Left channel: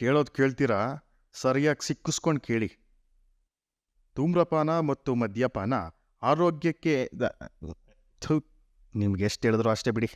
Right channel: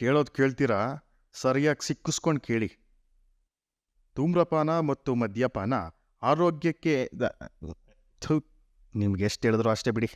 ಕೇಳೋದು ಕೇಳ್ತೀರಾ, ಸರಿಯಾಗಿ ಸಿಕ್ಕಿಸ್ಕೊಂಡು ಕೇಳಿ. ಧೂಮ್ರಪಾನ ಮತ್ತು ಮದ್ಯಪಾನ ಆರೋಗ್ಯಕ್ಕೆ ನಿಮ್ಗೆ ಎಷ್ಟು ಹೇಳಿದ್ರು ಅಷ್ಟೇ ಬಿಡಿ.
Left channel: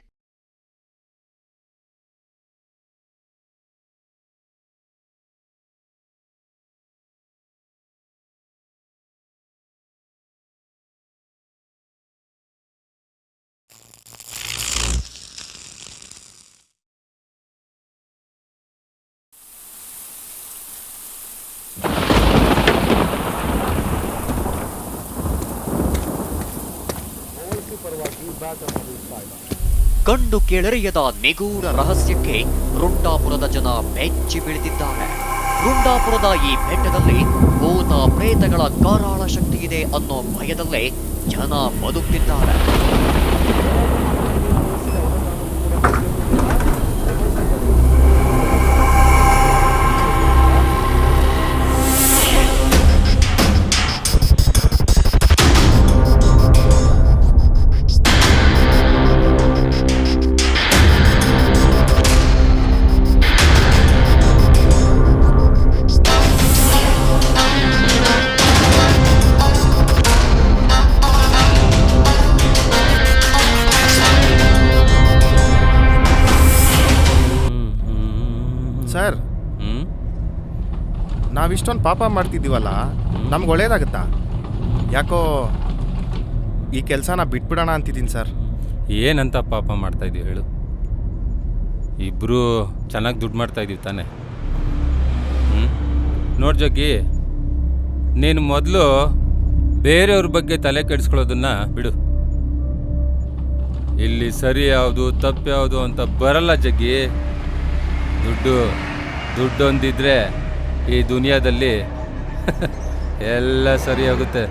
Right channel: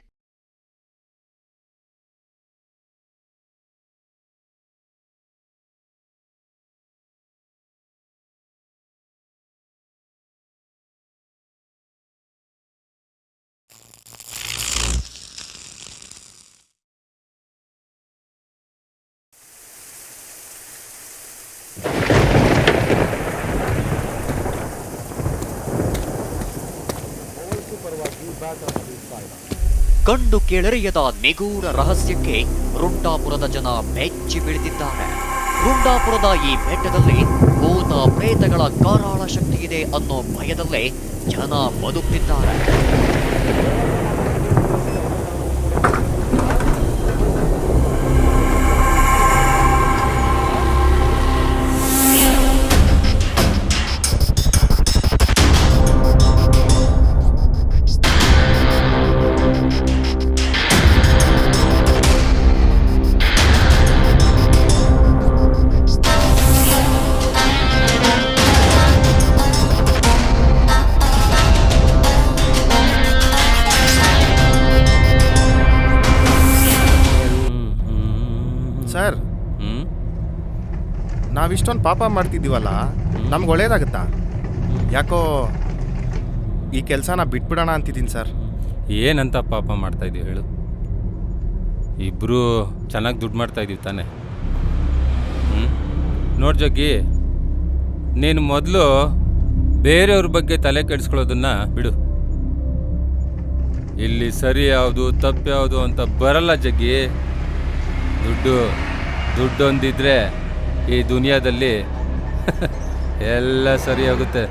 ಕಂಡು ಕೇಳರಿಯದ ನಿಗೂಢ ರಹಸ್ಯಕ್ಕೆ ರುಂಡಾಪುರದ ಜನ ಬೆಚ್ಚಿ ಬೀಳುತ್ತಿದ್ದಾರೆ. ರುಂಡಾಪುರದ ಈ ಬೆಟ್ಟದಲ್ಲಿ ಭೂತ ಪ್ರೇತಗಳ ಕರಾಳ ಶಕ್ತಿ ಇದೆ ಅನ್ನೋ ಭಯದಲ್ಲೇ ಜನ ಬದುಕ್ತಿದ್ದಾರೆ. ಸರ್, ನಾವಿಷ್ಟೊಂದು ಪಾಪ ಮಾಡ್ತಿದ್ದೀವಲ್ಲ, ನಮ್ಗೆ ಒಳ್ಳೇದಾಗುತ್ತಾ? ಯಾಕೋ ಈ ಕೆಲಸನ ಬಿಟ್ಬಿಡೋಣ ಅಂತಿದ್ದೀನಿ ಸರ್. ಏನಂತ ಪಾಪ ಮಾಡ್ತಾಯಿದ್ದೀವಿ ಹೇಳು? ಇಬ್ಬರು ಚೆನ್ನಾಗಿ ದುಡ್ಡು ಮಾಡ್ತಾಯಿದ್ದೀವಿ ತಾನೆ. ನೋಡಿ ಜಗ್ಗಿ, ನೀನು ಮೊದಲು ಬೇರೆಯವ್ರ ಬಗ್ಗೆ ತಲೆ ಕೆಡಿಸ್ಕೊಳ್ಳೋದನ್ನ ಬಿಡು. ಇಲ್ಲಿ ಸರಿ ಯಾವುದು ತಪ್ಪು ಯಾವುದು ಅಂತ ಬರಲ್ಲ ಜಗ್ಗಿ. ದುಡ್ಡೊಂದಿದ್ರೆ ಈ ದುನಿಯಾದಲ್ಲಿ ಎಲ್ಲ ಸರಿ ಆಗುತ್ತೆ.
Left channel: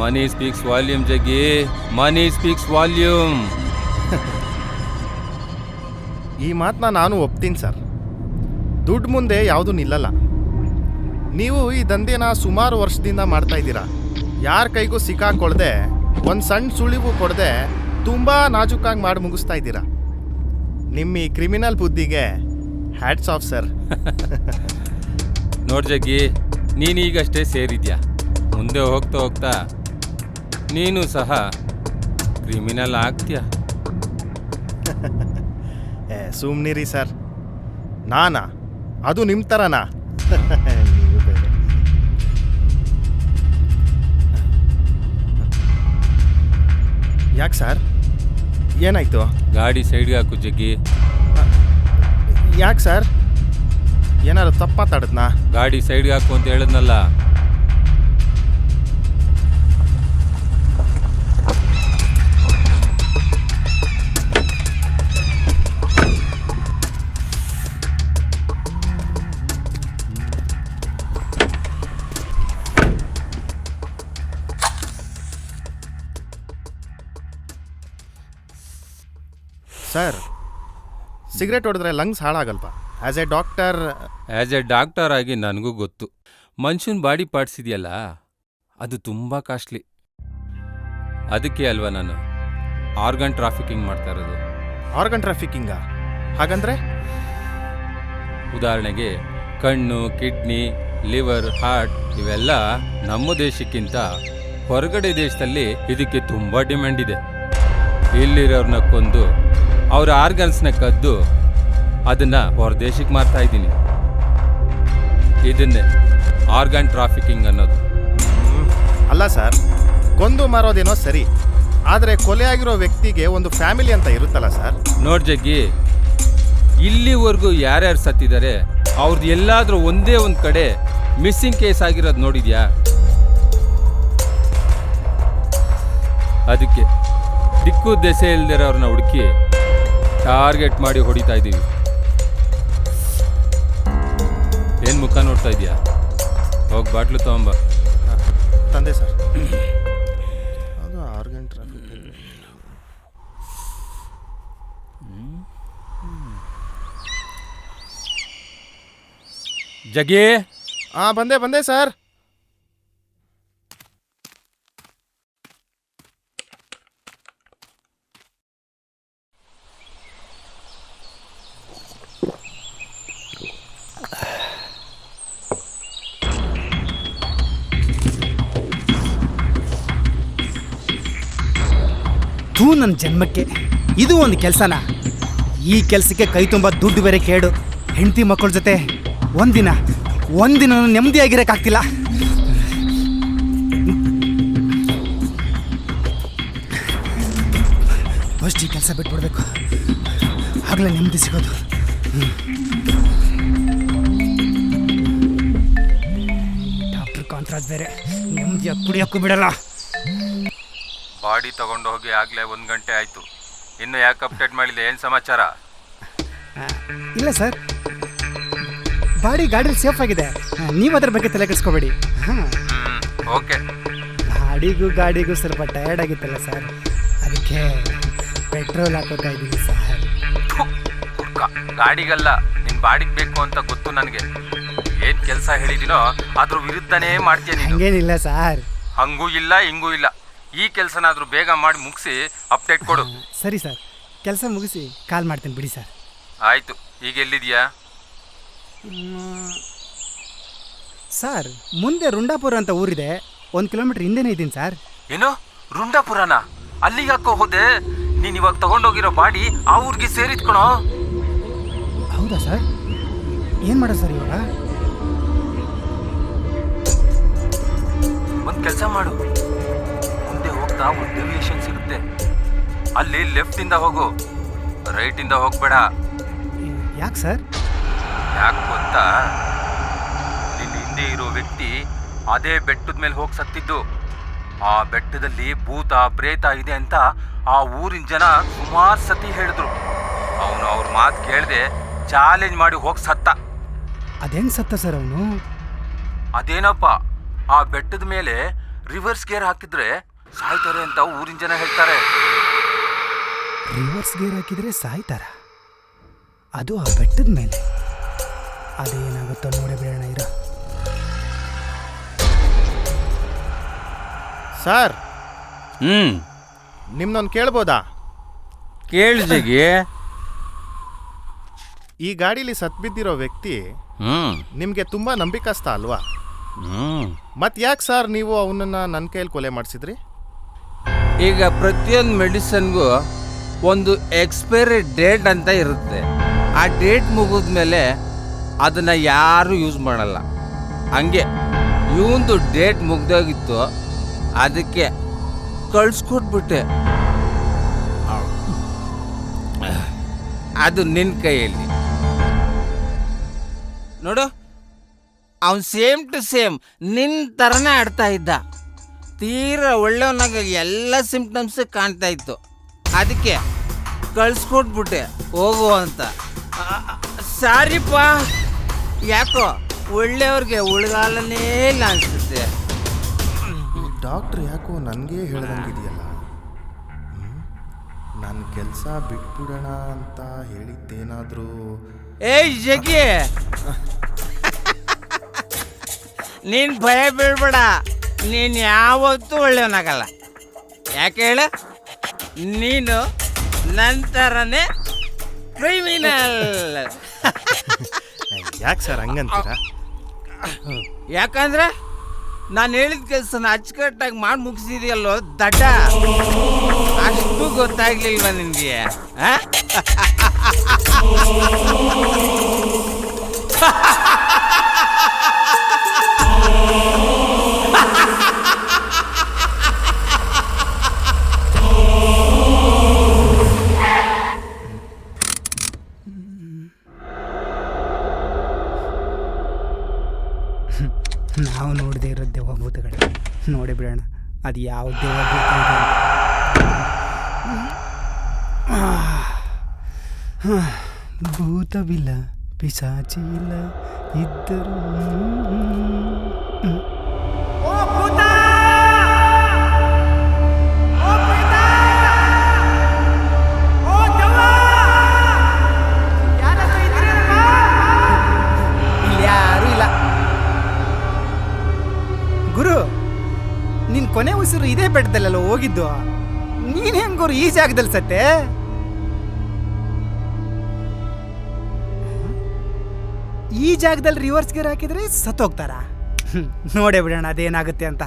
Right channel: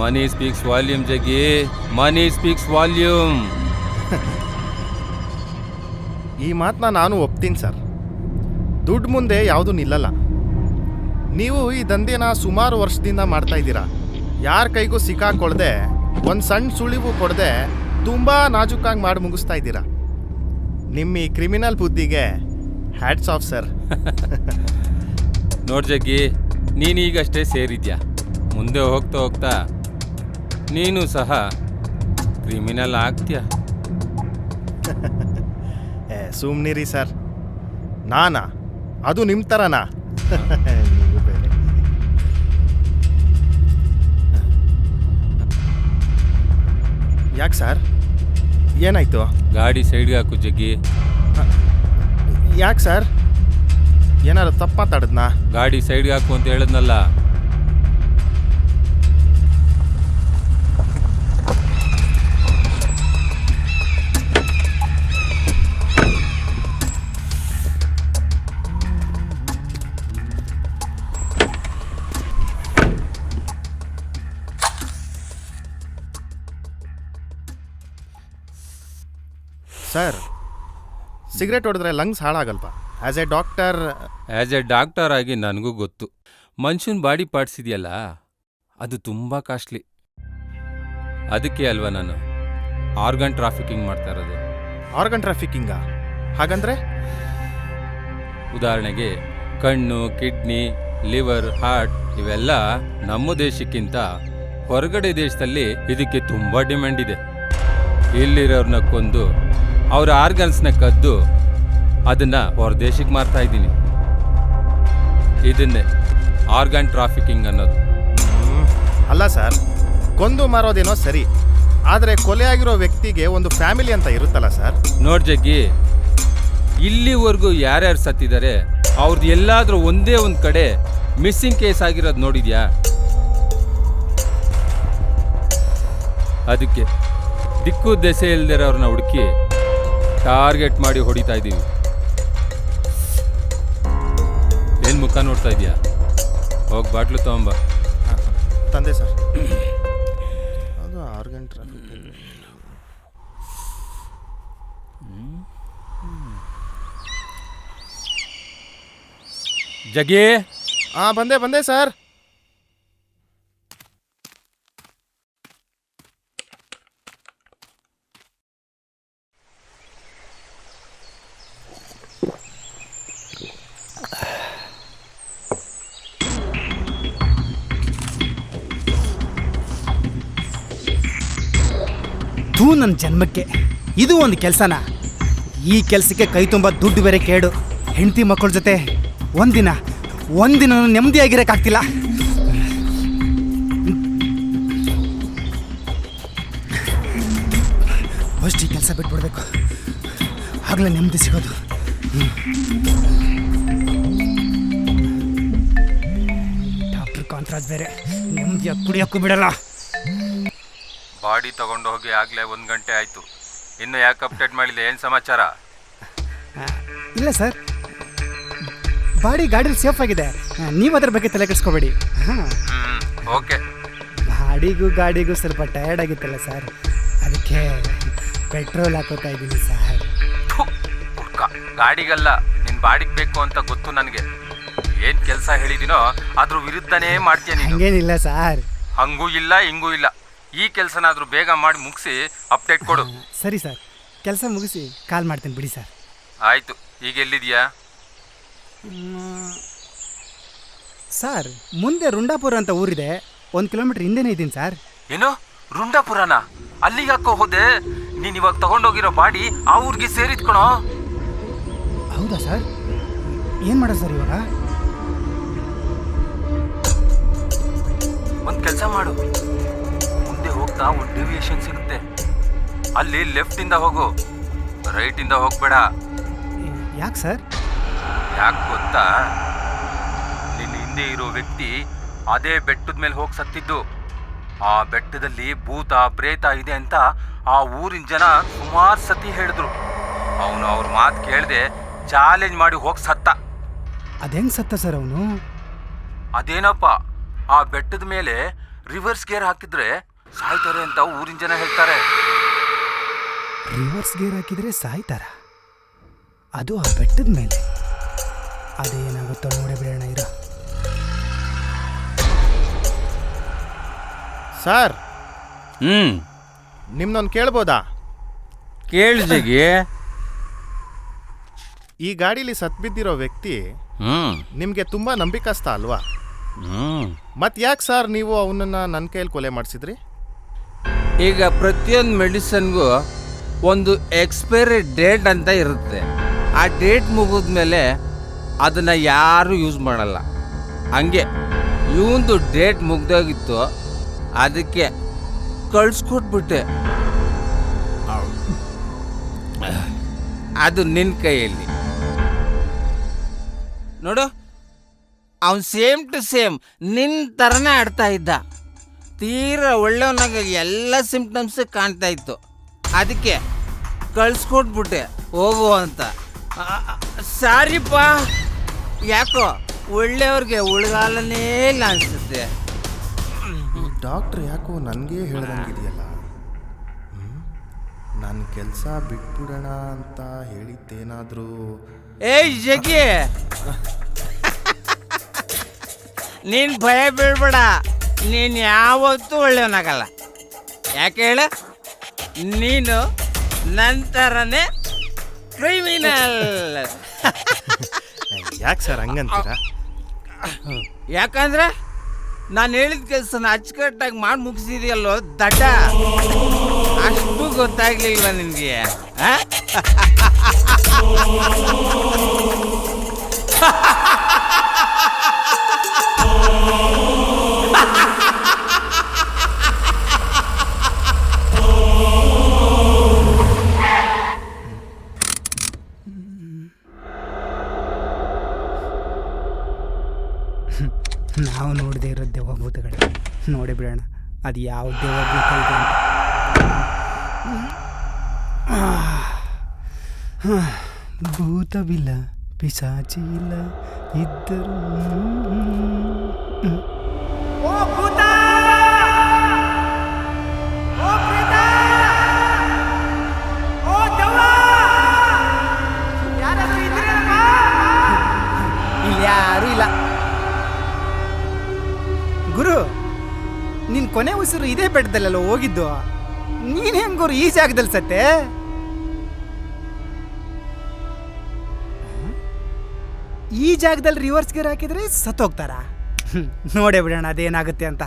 ಮನಿ ಸ್ಪೀಕ್ಸ್ ವಾಲ್ಯೂಮ್ ಜಗ್ಗಿ, ಮನಿ ಸ್ಪೀಕ್ಸ್ ವಾಲ್ಯೂಮ್. ಈ ಮಾತನ್ನ ನಾನು ಒಪ್ತೀನಿ ಸರ್. ದುಡ್ಡು ಮುಂದೆ ಯಾವುದೂ ನಿಲ್ಲಲ್ಲ. ನೀವು ಈ ದಂಧೆನ ಸುಮಾರು ವರ್ಷದಿಂದ ಮಾಡ್ತಾ ಇದ್ದೀರಾ. ಯಾರ ಕೈಗೂ ಸಿಕ್ಕಾಕೊಳ್ದೆ, ಒಂದು ಸಣ್ಣ ಸುಳಿವು ಕೊಡದೆ ತುಂಬ ನಾಜೂಕಾಗಿ ಮಾಡಿ ಮುಗಿಸ್ತಾ ಇದ್ದೀರಾ. ನಿಮ್ಮ ಈ ಕ್ರಿಮಿನಲ್ ಬುದ್ಧಿಗೆ ಹ್ಯಾಟ್ಸ್ ಆಫ್ ಸರ್. ನೋಡ್ ಜಗ್ಗಿ, ನೀನೀಗಷ್ಟೇ ಸೇರಿದ್ಯಾ. ಮುಂದೆ ಹೋಗ್ತಾ ಹೋಗ್ತಾ ನೀನು ಸಹ ಕ್ರಿಮಿನಲ್ ಆಗ್ತೀಯ. ಸುಮ್ನಿರಿ ಸರ್. ನಾನಾ? ಅದು ನಿಮ್ಮ ಥರನಾ? ನೀವು ಬೇರೆ. ಯಾಕೆ ಸರ್, ಏನಾಯ್ತು? ಗಾಡಿ ಸೈಡ್ಗೆ ಹಾಕು ಜಗ್ಗಿ. ಯಾಕೆ ಸರ್, ಏನಾದ್ರು ತಪ್ಪು ಮಾತಾಡಿದ್ನಾ? ಗಾಡಿ ಸೈಡ್ಗೆ ಹಾಕು ಅಂತ ಹೇಳಿದ್ನಲ್ಲ. ಸರ್, ಸಿಗರೇಟ್ ಹೊಡೆದ್ರೆ ಲಂಗ್ಸ್ ಹಾಳಾಗಲ್ವಾ? ಆ್ಯಸ್ ಎ ಡಾಕ್ಟರ್ ಆಗಿ ನನಗೂ ಗೊತ್ತು. ಮನುಷ್ಯನ ಬಾಡಿ ಪಾರ್ಟ್ಸ್ ಇದೆಯಲ್ಲ, ಅದು ತುಂಬ ಕಾಸ್ಟ್ಲಿ. ಅದಕ್ಕೆ ಅಲ್ವಾ ನಾನು ಆರ್ಗನ್ ಟ್ರಾಫಿಕಿಂಗ್ ಮಾಡ್ತಾ ಇರೋದು. ಆರ್ಗನ್ ಟ್ರಾಫಿಕಿಂಗಾ? ಹಾಗಂದ್ರೆ? ಉದಾಹರಣೆಗೆ ಕಣ್ಣು, ಕಿಡ್ನಿ, ಲಿವರ್, ಹಾರ್ಟ್ ಇವೆಲ್ಲ ನಮ್ಮ ದೇಶಕ್ಕಿಂತ ಹೊರಗಡೆ ದೇಶದಲ್ಲಿ ಇದಕ್ಕೆ ತುಂಬ ಡಿಮ್ಯಾಂಡ್ ಇದೆ. ಇಲ್ಲಿರೋರ್ನ ಕೊಂದು ಅವ್ರ ಆರ್ಗನ್ಸ್ನ ಕದ್ದು ಅದನ್ನು ಹೊರದೇಶಕ್ಕೆ ಮಾರ್ತಾ ಇದ್ದೀನಿ. ಇದನ್ನೇ ಆರ್ಗನ್ ಟ್ರಾಫಿಕಿಂಗ್ ಅನ್ನೋದು. ಅಲ್ಲ ಸರ್, ಕೊಂದು ಮಾರೋದೇನೋ ಸರಿ, ಆದರೆ ಕೊಲೆ ಆಗಿರೋ ವ್ಯಕ್ತಿಗೆ ಒಂದು ಫ್ಯಾಮಿಲಿ ಅಂತ ಇರುತ್ತಲ್ಲ ಸರ್. ನೋಡ್ ಜಗ್ಗಿ, ಇಲ್ಲಿವರೆಗೂ ಯಾರ್ಯಾರು ಸತ್ತಿದ್ದಾರೆ ಅವ್ರದ್ದು ಎಲ್ಲಾದರೂ ಒಂದೇ ಒಂದು ಕಡೆ ಮಿಸ್ಸಿಂಗ್ ಕೇಸ್ ಆಗಿರೋದು ನೋಡಿದ್ಯಾ? ಅದಕ್ಕೆ ದಿಕ್ಕು ದೆಸೆ ಇಲ್ದಿರೋರನ್ನ ಹುಡುಕಿ ಟಾರ್ಗೆಟ್ ಮಾಡಿ ಹೊಡಿತಾ ಇದ್ದೀವಿ. ಏನು ಮುಖ ನೋಡ್ತಾ ಇದೆಯಾ? ಹೋಗಿ ಬಾಟ್ಲು ತಗೊಂಬ. ತಂದೆ ಸರ್. ಅದು ಆರ್ಗನ್ ಟ್ರಾಫಿಕಿಂಗ್. ಜಗ್ಗಿ, ಬಂದೆ ಸರ್. ಥೂ ನನ್ನ ಜನ್ಮಕ್ಕೆ ಇದು ಒಂದು ಕೆಲಸನ. ಈ ಕೆಲಸಕ್ಕೆ ಕೈ ತುಂಬ ದುಡ್ಡು ಬೇರೆ ಕೇಡು. ಹೆಂಡತಿ ಮಕ್ಕಳ ಜೊತೆ ಒಂದಿನ ನೆಮ್ಮದಿಯಾಗಿರೋಕ್ಕಾಗ್ತಿಲ್ಲ. ಫಸ್ಟ್ ಈ ಕೆಲಸ ಬಿಟ್ಬಿಡ್ಬೇಕು, ಆಗಲೇ ನೆಮ್ಮದಿ ಸಿಗೋದು. ಡಾಕ್ಟರ್ ಕಾಂತರಾಜ್ ಬೇರೆ ನೆಮ್ಮದಿಯಾಗಿ ಕುಡಿಯೋಕ್ಕೂ ಬಿಡಲ್ಲ. ಬಾಡಿ ತಗೊಂಡು ಹೋಗಿ ಆಗಲೇ 1 ಗಂಟೆ ಆಯಿತು. ಇನ್ನು ಯಾಕೆ ಅಪ್ಡೇಟ್ ಮಾಡಿಲ್ಲ? ಏನು ಸಮಾಚಾರ? ಇಲ್ಲ ಸರ್, ಗಾಡಿ ಸೇಫ್ ಆಗಿದೆ. ನೀವು ಅದ್ರ ಬಗ್ಗೆ ತಲೆ ಕೆಡಿಸ್ಕೋಬೇಡಿ. ಹಾಂ, ಓಕೆ. ಗಾಡಿಗೂ ಸ್ವಲ್ಪ ಟಯರ್ಡ್ ಆಗಿತ್ತಲ್ಲ ಸರ್, ಅದಕ್ಕೆ ಪೆಟ್ರೋಲ್ ಹಾಕೋತಾ ಇದ್ದೀನಿ ಸರ್. ಗಾಡಿಗಲ್ಲ, ನಿನ್ನ ಬಾಡಿಗೆ ಬೇಕು ಅಂತ ಗೊತ್ತು ನನಗೆ. ಏನು ಕೆಲಸ ಹೇಳಿದಿನೋ ಅದ್ರ ವಿರುದ್ಧನೇ ಮಾಡ್ತೀಯ ನೀನು. ಹಂಗೇನಿಲ್ಲ ಸರ್. ಹಂಗೂ ಇಲ್ಲ ಹಿಂಗೂ ಇಲ್ಲ. ಈ ಕೆಲಸನಾದ್ರೂ ಬೇಗ ಮಾಡಿ ಮುಗಿಸಿ ಅಪ್ಡೇಟ್ ಕೊಡು. ಸರಿ ಸರ್, ಕೆಲಸ ಮುಗಿಸಿ ಕಾಲ್ ಮಾಡ್ತೀನಿ ಬಿಡಿ ಸರ್. ಆಯಿತು. ಈಗ ಎಲ್ಲಿದೆಯಾ? ಸರ್, ಮುಂದೆ ರುಂಡಾಪುರ ಅಂತ ಊರಿದೆ, 1 ಕಿಲೋಮೀಟರ್ ಹಿಂದೆನೇ ಇದ್ದೀನಿ ಸರ್. ಏನು ರುಂಡಾಪುರನ? ಅಲ್ಲಿಗೆ ಹಾಕೋ ಹೋದೆ? ನೀನು ಇವಾಗ ತಗೊಂಡೋಗಿರೋ ಬಾಡಿ ಆ ಊರಿಗೆ ಸೇರಿದ್ ಕಣೋ. ಹೌದಾ ಸರ್? ಏನು ಮಾಡೋದು ಸರ್ ಇವಾಗ? ಒಂದು ಕೆಲಸ ಮಾಡು, ಮುಂದೆ ಹೋಗ್ತಾ ಒಂದು ಡೆವಿಯೇಷನ್ ಸಿಗುತ್ತೆ, ಅಲ್ಲಿ ಲೆಫ್ಟಿಂದ ಹೋಗು, ರೈಟಿಂದ ಹೋಗ್ಬೇಡ. ಯಾಕೆ ಸರ್? ಯಾಕೆ ಗೊತ್ತಾ? ನಿನ್ನ ಹಿಂದೆ ಇರೋ ವ್ಯಕ್ತಿ ಅದೇ ಬೆಟ್ಟದ ಮೇಲೆ ಹೋಗಿ ಸತ್ತಿದ್ದು. ಆ ಬೆಟ್ಟದಲ್ಲಿ ಭೂತ ಪ್ರೇತ ಇದೆ ಅಂತ ಆ ಊರಿನ ಜನ ಸುಮಾರು ಸತಿ ಹೇಳಿದ್ರು. ಅವನು ಅವ್ರ ಮಾತು ಕೇಳದೆ ಚಾಲೆಂಜ್ ಮಾಡಿ ಹೋಗಿ ಸತ್ತ. ಅದೇನು ಸತ್ತ ಸರ್ ಅವನು? ಅದೇನಪ್ಪ, ಆ ಬೆಟ್ಟದ ಮೇಲೆ ರಿವರ್ಸ್ ಗೇರ್ ಹಾಕಿದ್ರೆ ಸಾಯ್ತಾರೆ ಅಂತ ಊರಿನ ಜನ ಹೇಳ್ತಾರೆ. ರಿವರ್ಸ್ ಗೇರ್ ಹಾಕಿದ್ರೆ ಸಾಯ್ತಾರ? ಅದು ಆ ಬೆಟ್ಟದ ಮೇಲೆ? ಅದೇನಾಗುತ್ತೋ ನೋಡೇ ಬಿಡೋಣ ಇರೋ. ಸರ್, ನಿಮ್ನೊಂದು ಕೇಳ್ಬೋದಾ? ಕೇಳಿದೆಗೆ. ಈ ಗಾಡೀಲಿ ಸತ್ಬಿದ್ದಿರೋ ವ್ಯಕ್ತಿ ನಿಮಗೆ ತುಂಬ ನಂಬಿಕಸ್ತ ಅಲ್ವಾ? ಮತ್ತೆ ಯಾಕೆ ಸರ್ ನೀವು ಅವನನ್ನು ನನ್ನ ಕೈಯಲ್ಲಿ ಕೊಲೆ ಮಾಡಿಸಿದ್ರಿ? ಈಗ ಪ್ರತಿಯೊಂದು ಮೆಡಿಸನ್ಗೂ ಒಂದು ಎಕ್ಸ್ಪೈರಿ ಡೇಟ್ ಅಂತ ಇರುತ್ತೆ. ಆ ಡೇಟ್ ಮುಗಿದ್ಮೇಲೆ ಅದನ್ನು ಯಾರೂ ಯೂಸ್ ಮಾಡಲ್ಲ. ಹಂಗೆ ಇವಂದು ಡೇಟ್ ಮುಗ್ದೋಗಿತ್ತು, ಅದಕ್ಕೆ ಕಳಿಸ್ಕೊಟ್ಬಿಟ್ಟೆ. ಅದು ನಿನ್ನ ಕೈಯಲ್ಲಿ ನೋಡು. ಅವನು ಸೇಮ್ ಟು ಸೇಮ್ ನಿನ್ನ ಥರನೇ ಆಡ್ತಾ ಇದ್ದ. ತೀರಾ ಒಳ್ಳೆಯವನಾಗ ಎಲ್ಲ ಸಿಂಪ್ಟಮ್ಸ್ ಕಾಣ್ತಾ ಇತ್ತು. ಅದಕ್ಕೆ ಕಳಿಸ್ಕೊಟ್ಬಿಟ್ಟೆ ಹೋಗು ಅಂತ. ಸಾರಿಪ್ಪ, ಯಾಕೋ ಒಳ್ಳೆಯವ್ರಿಗೆ ಉಳ್ಗಾಲನೇ ಇಲ್ಲ ಅನಿಸುತ್ತೆ. ಈ ಡಾಕ್ಟ್ರ್ ಯಾಕೋ ನನಗೇ ಹೇಳ್ದಂಗಿದೆಯಲ್ಲ. ನನ್ನ ಕೆಲಸ ಬಿಟ್ಬಿಡೋಣ ಅಂತ ಹೇಳಿದ್ದೇನಾದರೂ? ಏಯ್ ಜಗ್ಗಿ, ನೀನು ಭಯ ಬೀಳ್ಬೇಡ. ನೀನು ಯಾವತ್ತೂ ಒಳ್ಳೆಯವನಾಗಲ್ಲ. ಯಾಕೆ ಹೇಳ? ನೀನು ನಂತರನೇ ಕ್ರಿಮಿನಲ್. ಯಾಕೆ ಸರ್ ಹಂಗಂತೀರಾ? ಯಾಕಂದ್ರೆ ನಾನು ಹೇಳಿದ ಕೆಲಸನ ಅಚ್ಚುಕಟ್ಟಾಗಿ ಮಾಡಿ ಮುಗಿಸಿದೆಯಲ್ಲೋ ದಡ್ಡ. ಅಷ್ಟು ಗೊತ್ತಾಗ್ಲಿಲ್ವ ನಿನಗೆ? ನಾವು ನೋಡದೆ ಇರೋ ದೆವ್ವಭೂತಗಳು ನೋಡಿ ಬಿಡೋಣ, ಅದು ಯಾವ ದೆವ್ವಭೂತ ಇದೆ ಅಂತ. ಭೂತವಿಲ್ಲ, ಪಿಶಾಚಿ ಇಲ್ಲ, ಇದ್ದರು ಇಲ್ಲಿ ಯಾರೂ ಇಲ್ಲ. ಗುರು, ನಿನ್ನ ಕೊನೆ ಉಸಿರು ಇದೇ ಬೆಟ್ಟದಲ್ಲೆಲ್ಲ ಹೋಗಿದ್ದು. ನೀನು ಹೆಂಗ್ ಗುರು ಈ ಜಾಗದಲ್ಲಿ ಸತ್ತೆ? ಈ ಜಾಗದಲ್ಲಿ ರಿವರ್ಸ್ ಗೇರ್ ಹಾಕಿದ್ರೆ ಸತ್ತೋಗ್ತಾರ? ನೋಡೇ ಬಿಡೋಣ ಅದೇನಾಗುತ್ತೆ ಅಂತ.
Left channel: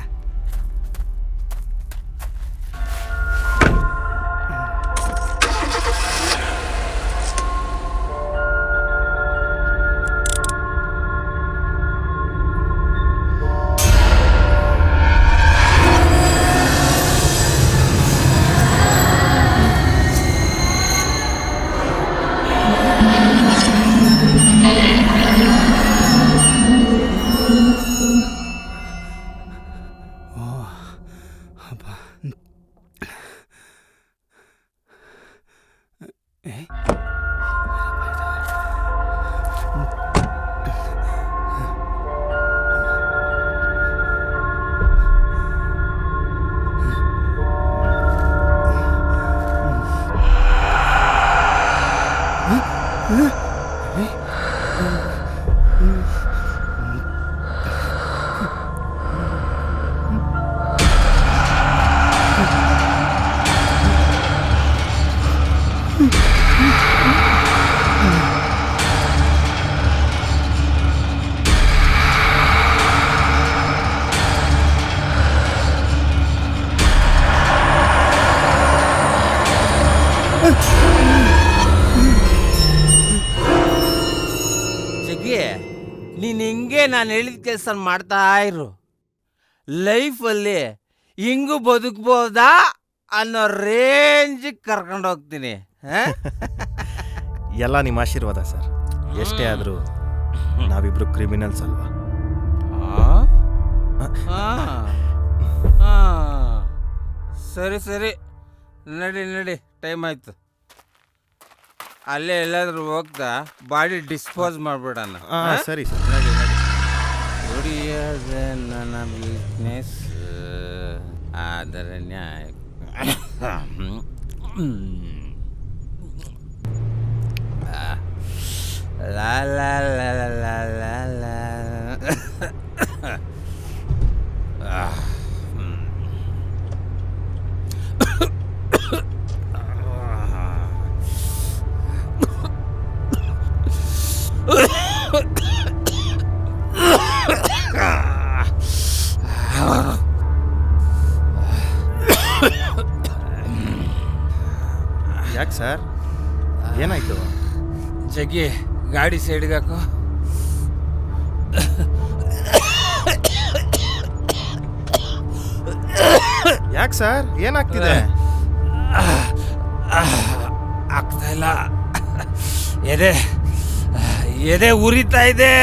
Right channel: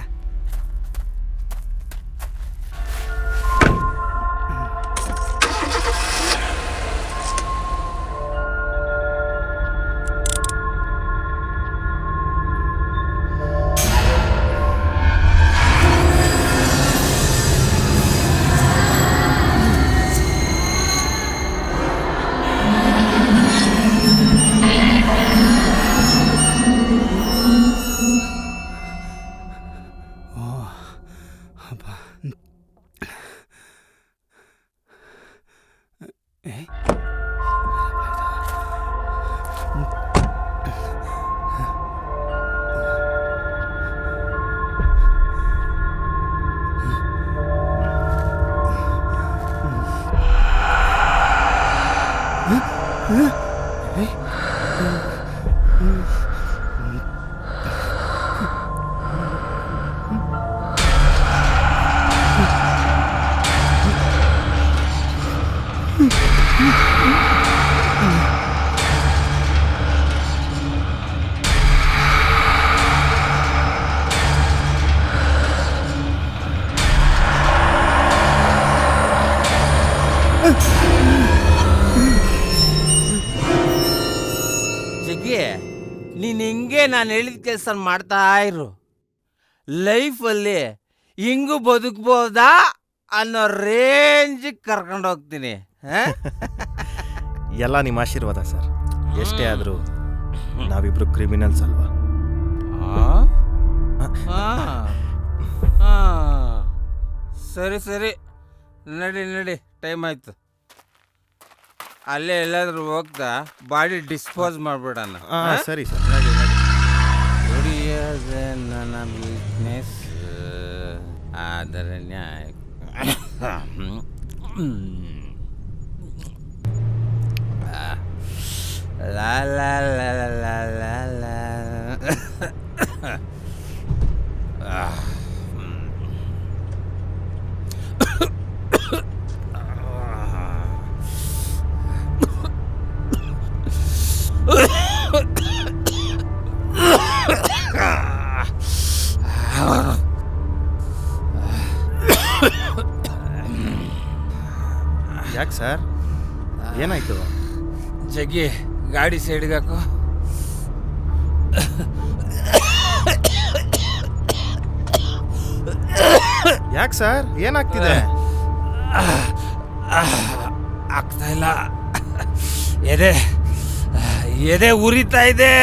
ಜಗ್ಗಿ, ನೀನು ಹಿಂಗೆ ನಾನು ಹೇಳಿದ ಕೆಲಸ ಮಾಡ್ತಾ ಇರು. ಲೈಫಲ್ಲಿ ಹಿಂಗೂ ಬದುಕ್ಬೋದಾ ಅನ್ನೋ ರೇಂಜಿಗೆ ಕರ್ಕೊಂಡು ಹೋಗ್ತೀನಿ. ಎಲ್ಲ ನಿಮ್ಮ ಆಶೀರ್ವಾದ ಸರ್. ಎಷ್ಟೇ ಆದರೂ ನಾವಿಬ್ರು ಕ್ರಿಮಿನಲ್ಸ್ ಅಲ್ವಾ? ಸರಿ ಸರಿ, ನಡಿ, ಟೈಮ್ ಆಯ್ತು. ಅಲ್ಲೇ ಎಲ್ಲಾದ್ರೂ ಹೋಗ್ತಾ ಬಾಡಿ ಡಿಸ್ಪೋಸ್ ಮಾಡ್ಬಿಡೋಣ. ಸರಿ ಸರ್. ದುಡಿಯೋದೇ ನನ್ನ ಬಿಸ್ನೆಸ್, ಆದರೆ ನ್ಯಾಯ. ಲಾ ಲಾ ಲಾ ಲಾ ಲಾ ಲಾ. ಯಾಕೆ ಸರ್, ಏನಾಯ್ತು? ಜಗ್ಗಿ, ಗಾಡಿ ಸೈಡ್ಗೆ ಹಾಕು. ಯಾಕೆ ಸರ್, ಏನಾಗ್ತಿದೆ? ಆಗ್ತಾ ಇಲ್ಲ, ಎದೆ ಉರಿತಾ ಇದೆ.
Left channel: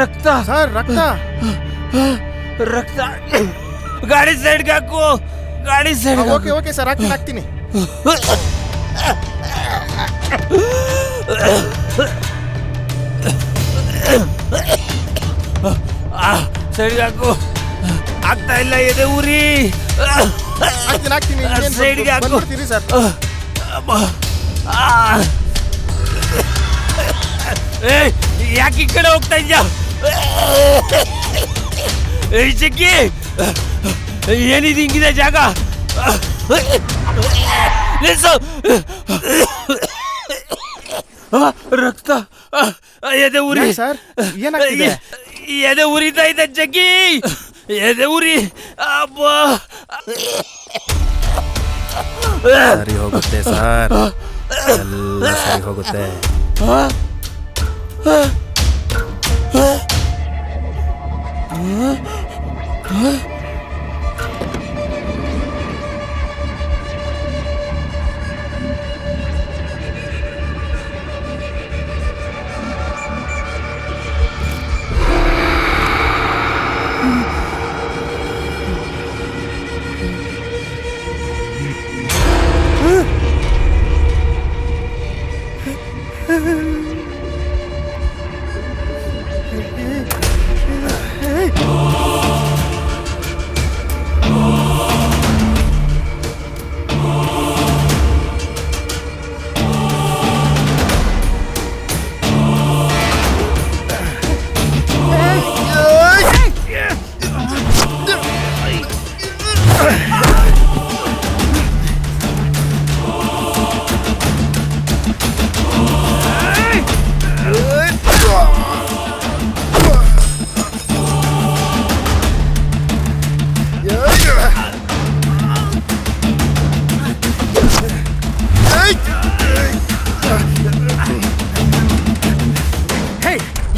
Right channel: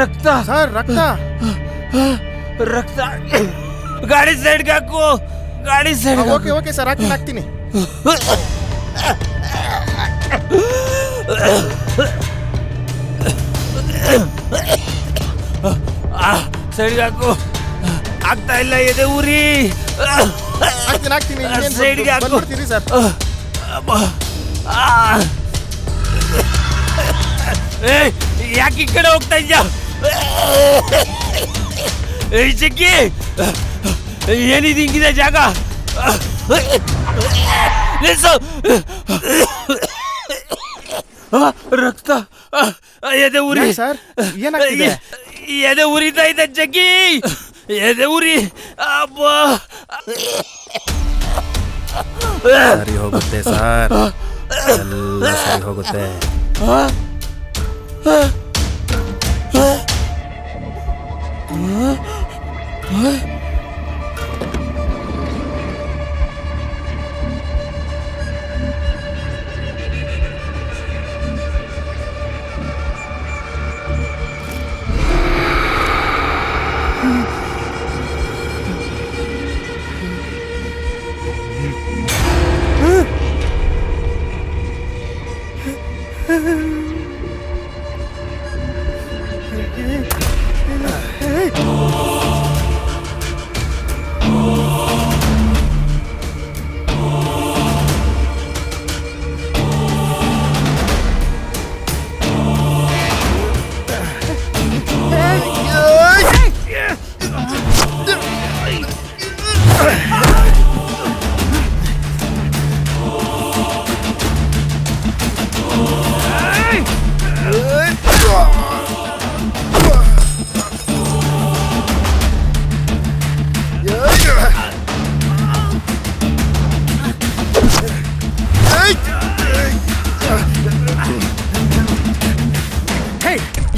ರಕ್ತ ಸರ್, ರಕ್ತ. ರಕ್ತ. ಗಾಡಿ ಸೈಡ್ಗೆ ಹಾಕು, ಗಾಡಿ ಸೈಡ್. ಓಕೆ ಸರ್, ಹಾಕ್ತೀನಿ. ಸೈಡ್ಗೆ ಹಾಕು. ಆಗ್ತಾ ಇಲ್ಲ, ಎದೆ ಉರಿ. ಹಾಕ್ತೀನಿ. ಸೈಡ್ಗೆ ಹಾಕು. ಬಂದ್ಬಿಡ್ತೀರಿ ಸರ್. ಯಾಕೆ ಈ ಕಡೆ ಹೋಗ್ತಾ ಇದ್ಯಾ? ಜಗ್ಗಿ, ಏನಿದೆ ಹಿಂಗಿದೆ ಜಾಗ? ನಿಲ್ಸು. ರಕ್ತ, ಎದೆ ಉರಿ. ಸರ್, ಏನಾಗ್ತಿದೆ? ಎದೆ ಉರಿತಾ ಇದೆ ಜಗ್ಗಿ, ಎದೆ ಉರಿ. ಅಬ್ಬಾ, ಸರಿ ಹೋಗುತ್ತೆ ಸರ್, ಎಲ್ಲ ಸರಿ ಹೋಗುತ್ತೆ.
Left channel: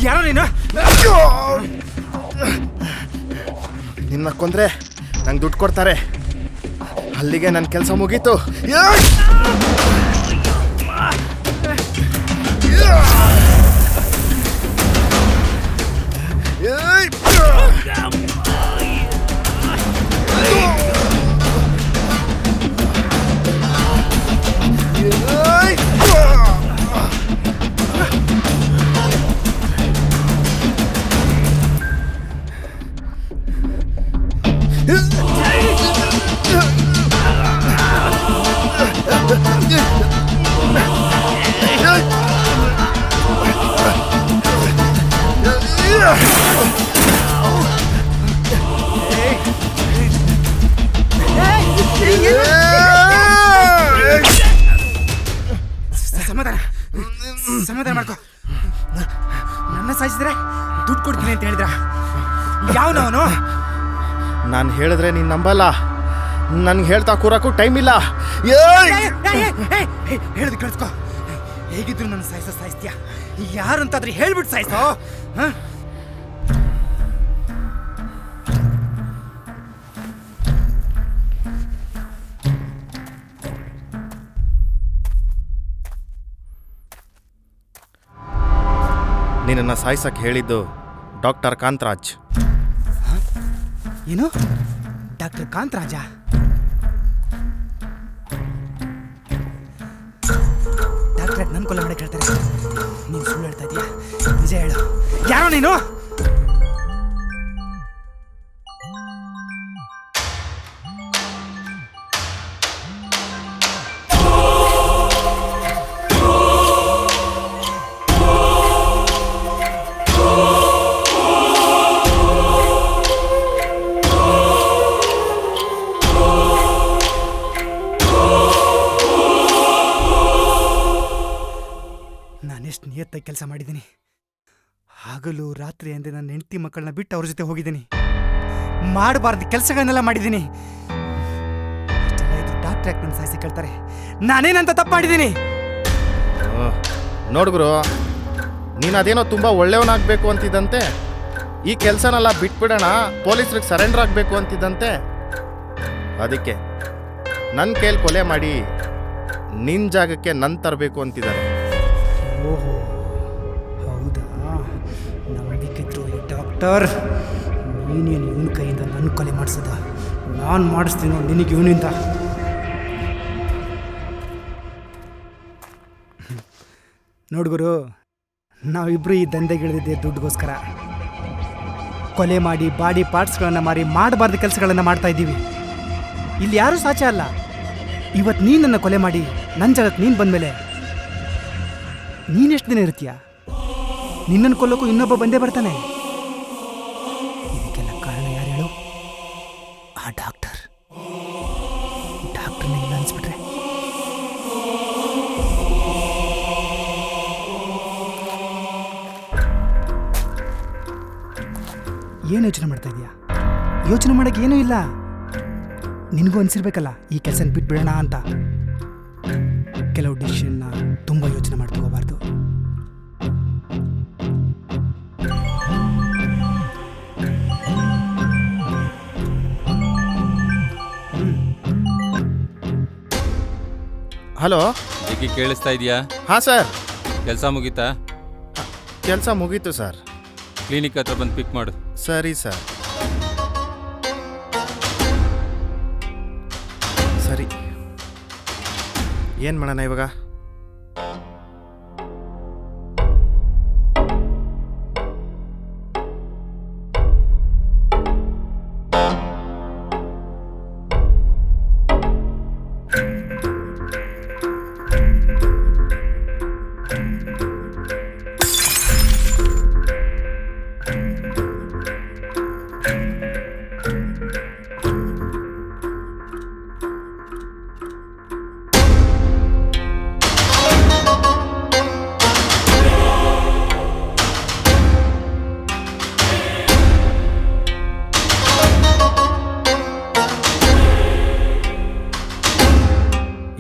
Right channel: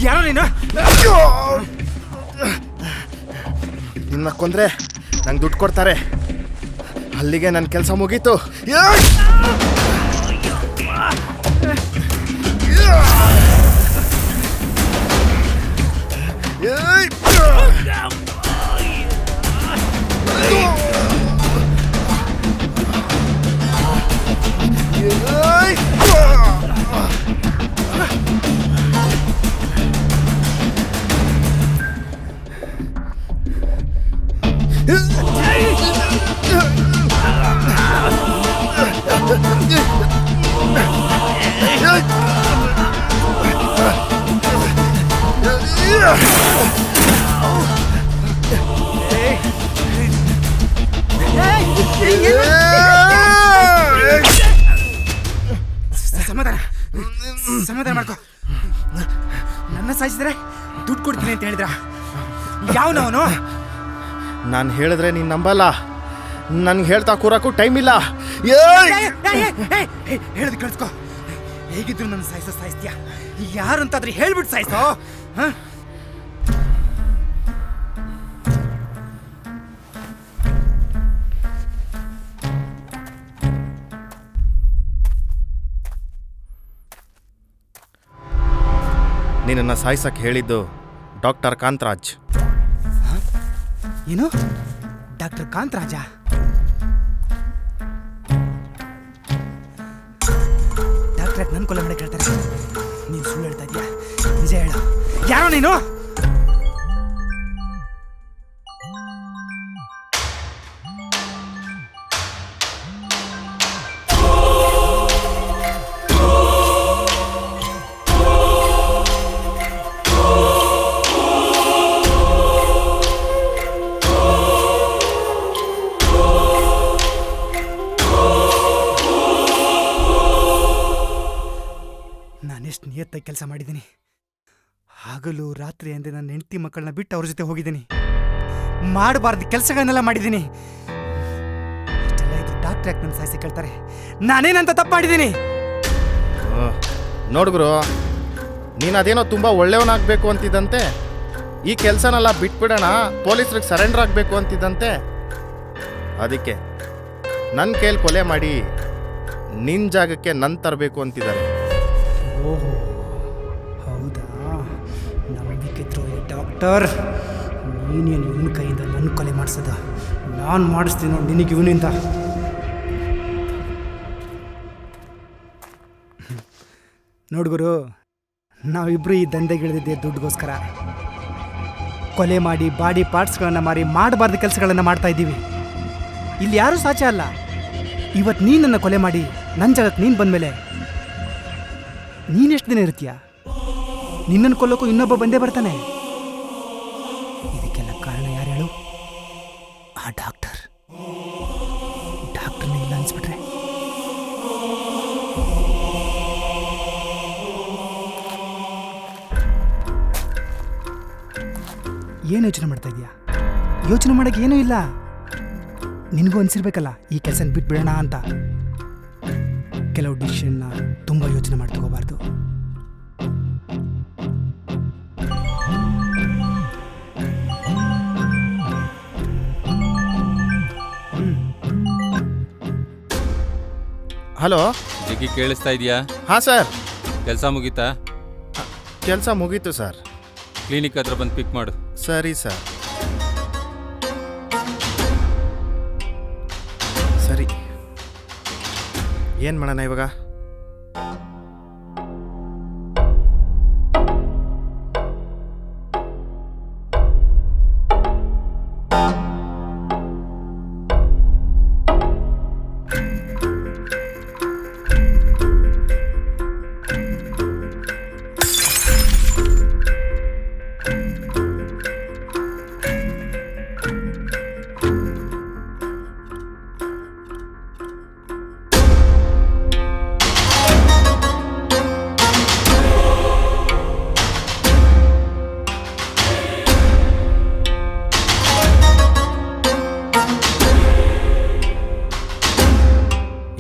ಯಾರೋ ನೀನು? ನಿನ್ನ ಕೊಂದ್ರೆ ನಂಗೆ ದುಡ್ಡು ಕೊಡ್ತಾರೆ. ಅಲ್ಲಿಗೆ ನನ್ನ ಕೆಲಸ ಮುಗೀತು. ಸಮಾಧಾನ ಸಮಾಧಾನ ಮಾಡ್ಕೊ. ನನ್ನ ಸಾಯಿಸಿದ್ರೆ ದುಡ್ಡು ಕೊಡ್ತೀನಿ ಅಂತ ಹೇಳಿದ್ರ ಯಾವನವನು? ನಾನು ಹೇಳಿದ್ರೆ ನೀನು ನಂಬಲ್ಲ. ನನ್ಗೆ ಹೇಳ್ತಾ ಕೂರಕ್ಕೂ ಟೈಮ್ ಇಲ್ಲ. ಹೇಳೋದು ಕೇಳಿಸ್ಕೊ. ಹೇಗಿದ್ರು ನನ್ನ ಸಾಯಿಸ್ತೀಯ. ಯಾರು ಅಂತಾದ್ರೆ ಹೇಳ್ಬಿಟ್ಟು ಸಾಯಿಸೋ. ನಿನ್ನನ್ನು ಸಾಯಿಸಕ್ಕೆ ಹೇಳಿದ್ದು ಡಾಕ್ಟರ್ ಕಾಂತರಾಜ್. ಏನು ಡಾಕ್ಟರ್ ಕಾಂತರಾಜ? ಡಾಕ್ಟರ್ ನನ್ನ ಕೊಲೆ ಮಾಡಕ್ಕೆ ಹೇಳ್ತಾರೆ. ನೀನು ಸುಳ್ಳು ಹೇಳ್ತಾ ಇದೀಯಾ? ನಿಜ ಹೇಳು, ಯಾರೋ ನೀನು? ನಾನೆಷ್ಟು ನಿಯತ್ತಾಗಿ ಕೆಲಸ ಮಾಡಿದ್ದೀನಿ. ಹಗಲು ರಾತ್ರಿ ಅಂದರೆ ನನ್ನ ಹೆಂಡತಿ ಮಕ್ಕಳನ್ನ ಬಿಟ್ಟು ಅವ್ರ ಜೊತೆ ಹೋಗಿದ್ದೀನಿ. ಮಾಡಬಾರ್ದು ಕೆಲಸಗಳನ್ನೆಲ್ಲ ಮಾಡಿದ್ದೀನಿ. ಅಷ್ಟೆಲ್ಲ ಇದ್ರು ಡಾಕ್ಟರ್ ಯಾಕೆ ನನ್ನ ಸಾಯಿಸಿ ಕೇಳ್ತಾರೆ? ನಾನೇನಂತ ತಪ್ಪು ಮಾಡಿದ್ದೀನಿ? ನೋಡ್ಗುರು, ನೀನು ಅದೇನೋ ತುಂಬ ಒಳ್ಳೆಯವನಾಗಬೇಕು ಅಂತಿದ್ದಂತೆ. ಈ ಕೆಲಸನೆಲ್ಲ ಬಿಟ್ಬಿಡೋಣ, ಪೊಲೀಸ್ರಿಗೆ ಸರೆಂಡರ್ ಆಗಬೇಕು ಅಂತಿದ್ದಂತೆ. ಅದಕ್ಕೆ ನನ್ನ ಕೈಲಿ ಕೊಲೆ ಮಾಡಿ ನಿನ್ನ ಜಾಗಕ್ಕೆ ನನ್ನ ತರಬೇಕು ಅಂತಿದ್ದಾರೆ. ಓಹೋ, ಹೌದಾ? ನಂಬಿಕೆ ದ್ರೋಹಿ ಡಾಕ್ಟರ್. ನೀನೇನು ಇವನ ಕೈಯಿಂದ ನನ್ನ ಕೊಲೆ ಮಾಡಿಸೋದ? ನಾನು ಮಾಡಿಸ್ತೀನಿ ನಿನಗೆ ಇವನಿಂದ. ನೋಡ್ಗುರು, ನಾವಿಬ್ಬರು ಈ ದಂಧೆಗಿಳಿದಿದ್ದೆ ದುಡ್ಡುಗೋಸ್ಕರ. ಕೊಲೆ ಮಾಡಿ ಬಾಡಿ ಪಾರ್ಟ್ಸ್ಗಳನ್ನು ಮಾರಿ ಮಾಡಬಾರ್ದು ಕೆಲಸಗಳನ್ನು ಮಾಡ್ತಾ ಇದ್ದೀವಿ. ಇಲ್ಲಿ ಯಾರೂ ಸಾಚೆ ಅಲ್ಲ. ಇವತ್ತು ನೀನು ನನ್ನ ಕೊಲೆ ಮಾಡಿ ನನ್ನ ಜಾಗಕ್ಕೆ ನೀನು ಬಂದಮೇಲೆ ನೀನೆಷ್ಟು ದಿನ ಇರ್ತೀಯ? ನಿನ್ನನ್ನು ಕೊಲ್ಲೋಕ್ಕೂ ಇನ್ನೊಬ್ಬ ಬಂದೇ ಬರ್ತಾನೆ. ಇದಕ್ಕೆಲ್ಲ ಕಾರಣ ಯಾರು ಹೇಳು? ಆ ಡಾಕ್ಟರ್ನ ಇಲ್ಲ ಅನ್ಸ್ಬಿಟ್ರೆ ಏನು ಯೋಚನೆ ಮಾಡ್ತಾ ಇದೀಯಾ? ಯೋಚನೆ ಮಾಡೋಕ್ಕೆ ಏನೂ ಇಲ್ಲ. ನಿನಗೂ ಅನಿಸಿರ್ಬೇಕಲ್ಲ ಈ ಕೆಲಸನ ಬಿಟ್ಬಿಡೋಣ ಅಂತ. ಕೆಲವು ಡಿಸಿಷನ್ನ ತುಂಬ ಯೋಚನೆ ಮಾಡಿ ತಗೋಬಾರ್ದು. ಹಲೋ. ಜಿಗ್ಗಿ ಕೇಳಿಸ್ತಾ ಇದೆಯಾ? ಹಾಂ ಸರ್. ಕೆಲಸ ಮುಗೀತಾ? ಕೆಲಸ ಮುಗೀತು ಸರ್. ಕ್ಲಿನಿಕ್ ಹತ್ರ ಬಂದು ಪಿಕ್ ಮಾಡು. ಸರಿ ಸರ್. ಸರಿ, ಏನು ಮಾಡೋಣ ಇವಾಗ?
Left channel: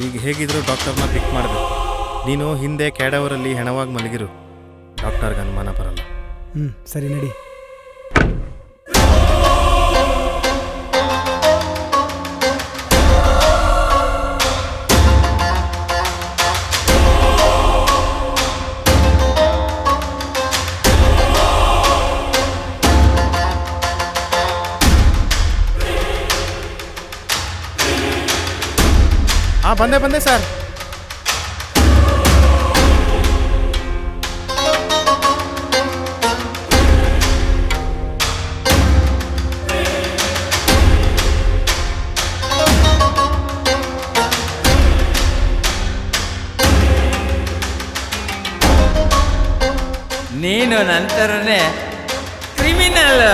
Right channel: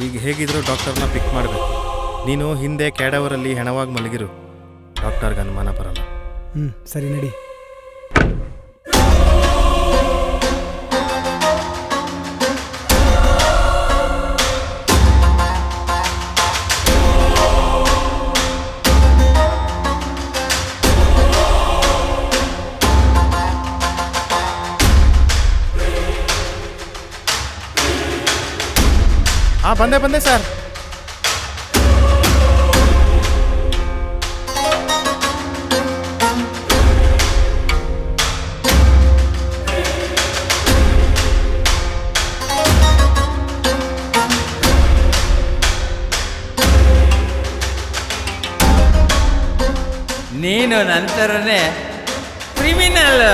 ಈಗ ಹೇಗಿದ್ರು ಡಾಕ್ಟರ್ನ ಪಿಕ್ ಮಾಡಬೇಕು. ನೀನು ಹಿಂದೆ ಕ್ಯಾಡವರಲ್ಲಿ ಹೆಣವಾಗಿ ಮಲಗಿರು, ಡಾಕ್ಟರ್ಗೆ ಅನುಮಾನ ಬರಲ್ಲ. ಸರಿ ನಡಿ. ಹಾಂ, ಬಂದೆ ಸರ್. ನೀನು ನಂತರನೇ ಕ್ರಿಮಿನಲ್.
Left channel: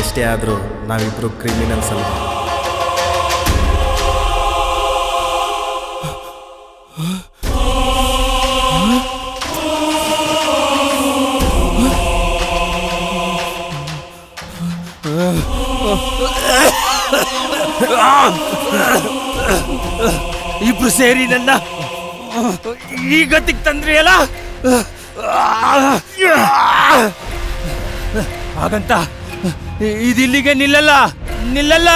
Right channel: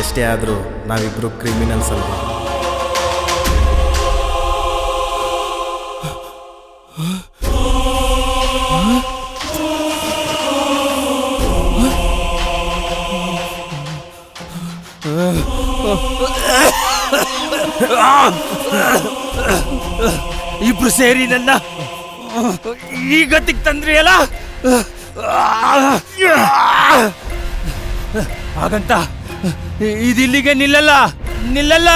ಎಷ್ಟೇ ಆದರೂ ನಾವಿಬ್ಬರು ಕ್ರಿಮಿನಲ್ಸ್ ಅಲ್ವಾ? ಇಬ್ರು ಸೇರಿ ನನ್ನ ಈ ಗತಿಗೆ ತಂದ್ರಿ ಅಲ್ಲ. ಹಾಗಂತ ಇದಿಲ್ಲಿಗೆ ನಿಲ್ಲಲ್ಲ ನಿಲ್ಲಲ್ಲ.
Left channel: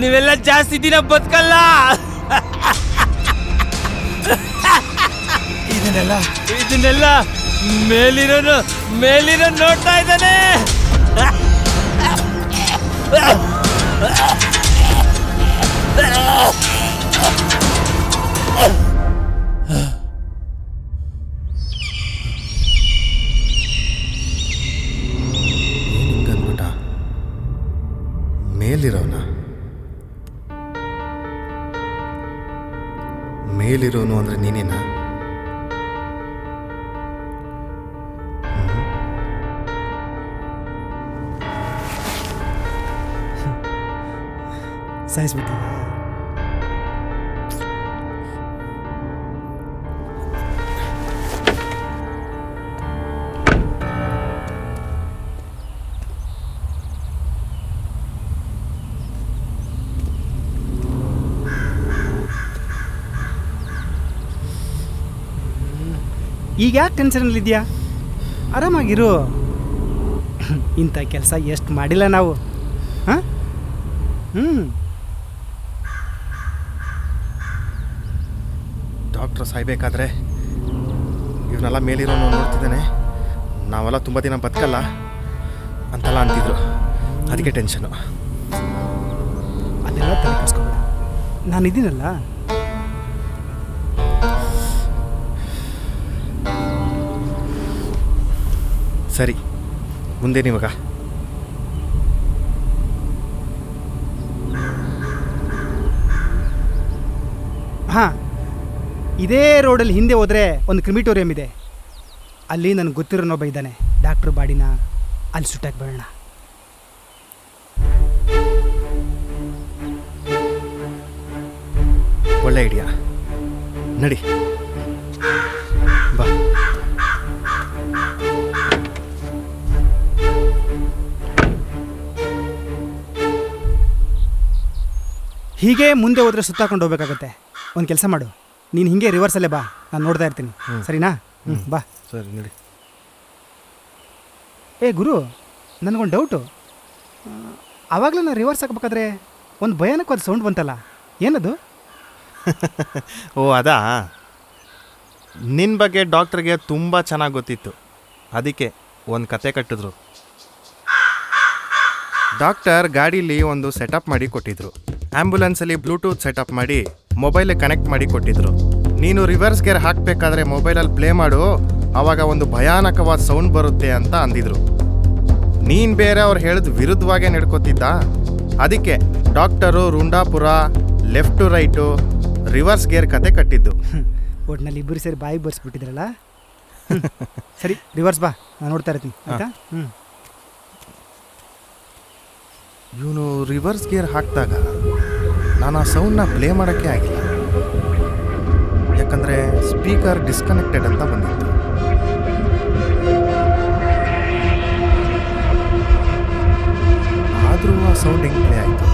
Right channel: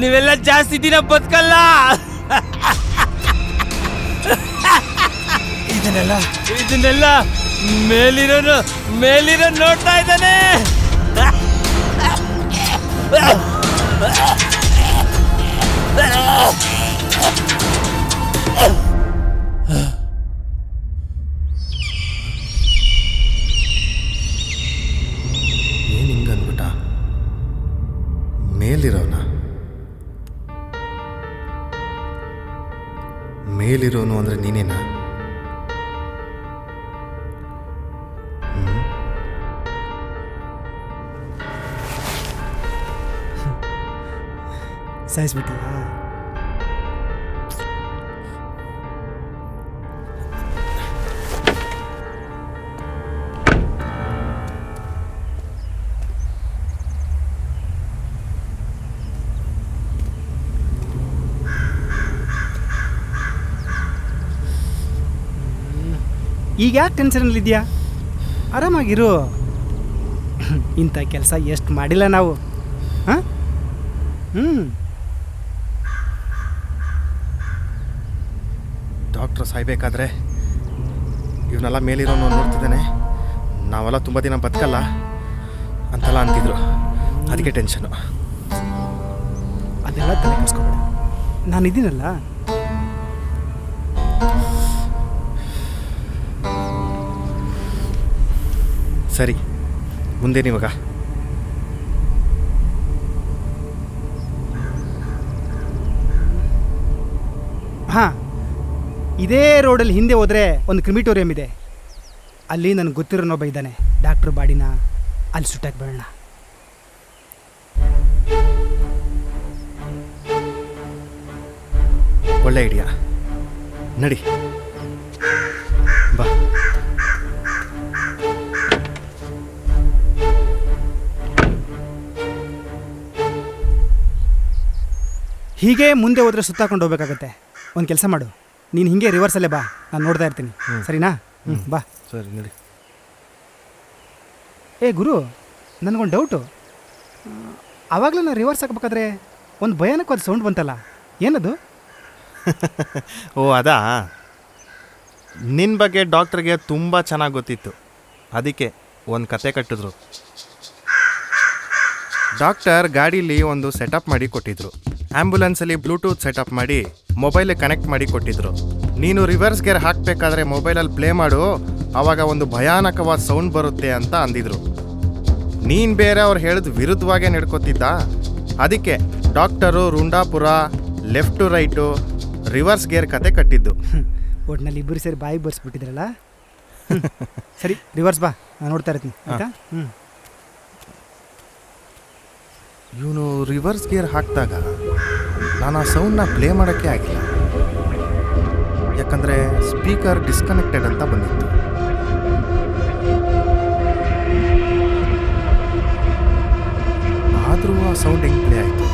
ನೀವೆಲ್ಲ ಜಾಸ್ತಿ ದಿನ ಬದುಕಲ್ಲ. ಇದನ್ನೆಲ್ಲ ಮೇಲಿರೋ ನೋಡ್ತಾ ಇದ್ದಾನೆ. ಏನು ಹಿಂಗಂದ್ಬಿಟ್ಟ? ಮೇಲಿರೋನು ಅಂದರೆ ನೀನೇನಾ? ಸಾಯಿಸ್ಬಿಟ್ಟಿಯಾ? ಈಗ ಯಾಕೆ ಟೆನ್ಷನಲ್ಲಿದೆಯಾ? ಆರಾಮಾಗಿರು. ಇಂಥ ಕೆಲಸ ಎಷ್ಟು ಮಾಡಿಲ್ಲ ನಾವು. ಹಾಂ, ಡಾಕ್ಟ್ರ್ ಸಾಯ್ಬೇಕಾದ್ರೆ ಇವನ್ನೆಲ್ಲ ಮೇಲಿರೋನು ನೋಡ್ತಿದ್ದಾನೆ, ನಾವೆಲ್ಲ ತುಂಬ ದಿನ ಬದುಕಲ್ಲ ಅಂತೆಲ್ಲ ಅಂತಿದ್ರು. ಅದಕ್ಕೆ ಟೆನ್ಷನು. ಅದೆಲ್ಲ ತಲೆ ಕೆಡಿಸ್ಕೋಬೇಡ, ನಾನಿದ್ದೀನಲ್ಲ. ಸರಿ, ಮುಂದೇನಿವಾಗ? ಹಾಂ, ಇದೇ ರೋಡಲ್ಲಿ ಹಿಂದೆ ಹೋದರೆ ಒಂದು ಕ್ರಿಮಿಟೋರಿಯಂ ಇದೆ. ಅಲ್ಲಿ ನನಗೆ ಗೊತ್ತಿರೋನೊಬ್ಬ ಇದ್ದಾನೆ. ಡಾಕ್ಟ್ರ್ ಬಾಡಿನ ಅಲ್ಲಿ ಸುಟ್ಟಾಕ್ಬೇಡ. ಒಳ್ಳೆ ಐಡಿಯಾ, ನಡಿ ಬಾ. ಹೀಗೆ ಮುಂದೆ ಹೋದರೆ ಸುತ್ತಾಕೊಂಡು ಹೋಗ್ಬೇಕಾಗತ್ತೆ. ಒಂದು ಕೆಲಸ ಮಾಡು, ನೀನು ಹಿಂಗೆ ರಿವರ್ಸಲ್ಲೇ ಬಾ, ನಾನು ನೋಡ್ತಾ ಇರ್ತೀನಿ. ಸರಿನಾ? ಬಾ. ಸರಿ, ನಡಿ. ಗುರು, ನನಗೊಂದು ಡೌಟು. ಆವಾಗಲೇ ನಾನು ರಿವರ್ಸ್ ಹಾಕ್ಬೇಕಾದ್ರೆ ಒಂದು ಭಯಾನಕವಾದ ಸೌಂಡ್ ಬಂತಲ್ಲ, ಏನದು? ಓ, ಅದಾ? ನಿನ್ನ ಬಗ್ಗೆ ಡಾಕ್ಟ್ರಿಗೆ ತುಂಬ ಚೆನ್ನಾಗಿ ಗೊತ್ತಿತ್ತು, ಅದಕ್ಕೆ ಒಂದು ಕತೆ ಕಟ್ಟಿದ್ರು. ಡಾಕ್ಟರ್ ಗಾಡೀಲಿ ಒಂದು ಸೆಟಪ್ ಮಾಡಿ ಕೊಟ್ಟಿದ್ರು. ಆ್ಯಂಬುಲೆನ್ಸಲ್ಲಿ ಬ್ಲೂಟೂತ್ ಸೆಟಪ್ ಮಾಡಿ ಮೊಬೈಲಿಗೆ ಕನೆಕ್ಟ್ ಮಾಡಿ ಕೊಟ್ಟಿದ್ರು. ನೀನು ರಿವರ್ಸ್ ಗೇರ್ ಹಾಕಬೇಕಾದ್ರೆ ಮೊಬೈಲಲ್ಲಿ ಪ್ಲೇ ಮಾಡು, ಆವಾಗ ಒಂದು ಭಯಾನಕವಾದ ಸೌಂಡ್ ಬರುತ್ತೆ ಅಂತ ಅಂದಿದ್ರು. ನೀನು ಬೇರೆ ಅವ್ರು ಹೇಳಿದ ವಿರುದ್ಧವಾಗೇ ನಡ್ಕೋತಿದ್ದ. ಅದಕ್ಕೆ ಡಾಕ್ಟರು ರುಂಡಾಪುರ, left to right, reverse gear ಕತೆ ಕಟ್ಟಿದ್ದು. ಒಟ್ಟಿನಲ್ಲಿ ಇಬ್ಬರು ಸೇರಿ ಬಾಯಿಗೆ ಬರ್ಸ್ಬಿಟ್ಟಿದ್ರಲ್ಲ. ಸರಿ, ರಿವರ್ಸ್ ಬಾ, ನಾನು ನೋಡ್ತಾ ಇರ್ತೀನಿ. ಆಯಿತಾ? ಇವನು ರಿವರ್ಸ್ ಗೇರ್ ಹಾಕಿದಾಗ ನಾನು ಆ ಸೌಂಡ್ನ ಪ್ಲೇ ಮಾಡೋಕ್ಕೆ ಆಗಿಲ್ಲ, ಯಾಕಂದರೆ ಸ್ಪೀಕರ್ ಡಿಸ್ಕನೆಕ್ಟೆಡ್ ಅಂತ ಬಂದಿತ್ತು. ಆದರೂ ಆ ಸೌಂಡ್ ಹೆಂಗೆ ಪ್ಲೇ ಆಯಿತು?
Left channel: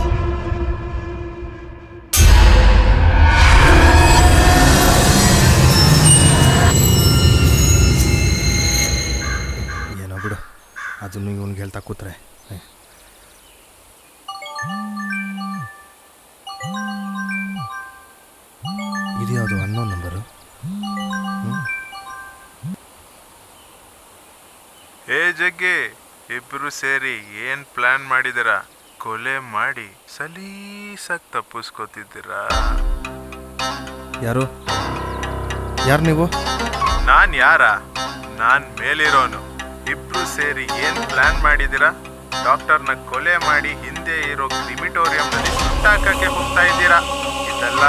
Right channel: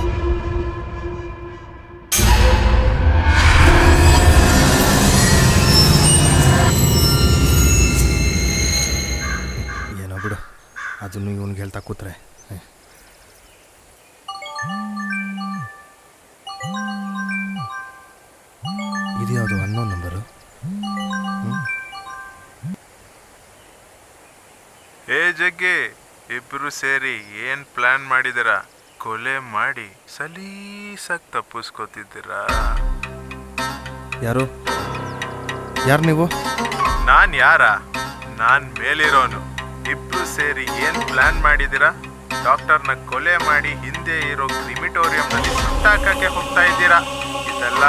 ಏನೋ ಬಿಡು, ಅದನ್ನು ಇವನಿಗೆ ಹೇಳ್ತಾ ಕೂತ್ರೆ. ಇದು ಯಾವುದು ಅನ್ನೋನ್ ನಂಬರು? ಜಗ್ಗಿ, ಇಬ್ರು ಸೇರಿ ಏನ್ ಪ್ಲಾನ್ ಮಾಡಿದಿರ? ಕೊಲೆ ಮಾಡಿ ಸಲೀಸಾಗಿ ತಪ್ಪಿಸ್ಕೋತಿದ್ದೀರಾ? ಯಾರು ನೀವು? ನಾನ್ ಮೇಲಿರೋನು. ಇಬ್ರು ಸೇರಿ ಏನ್ ಪ್ಲಾನ್ ಮಾಡಿದಿರ? ಡಾಕ್ಟರ್ನ ಕೊಲೆ ಮಾಡಿ ಹಿಂದೆ ಇರೋ ಕ್ರಿಮಿಟೋರಿಯಂನಲ್ಲಿ ಸುಟ್ಟಾಕಕ್ಕೆ ಹೋಗ್ತಾ ಇದ್ದೀರಾ. ಇದೆಲ್ಲ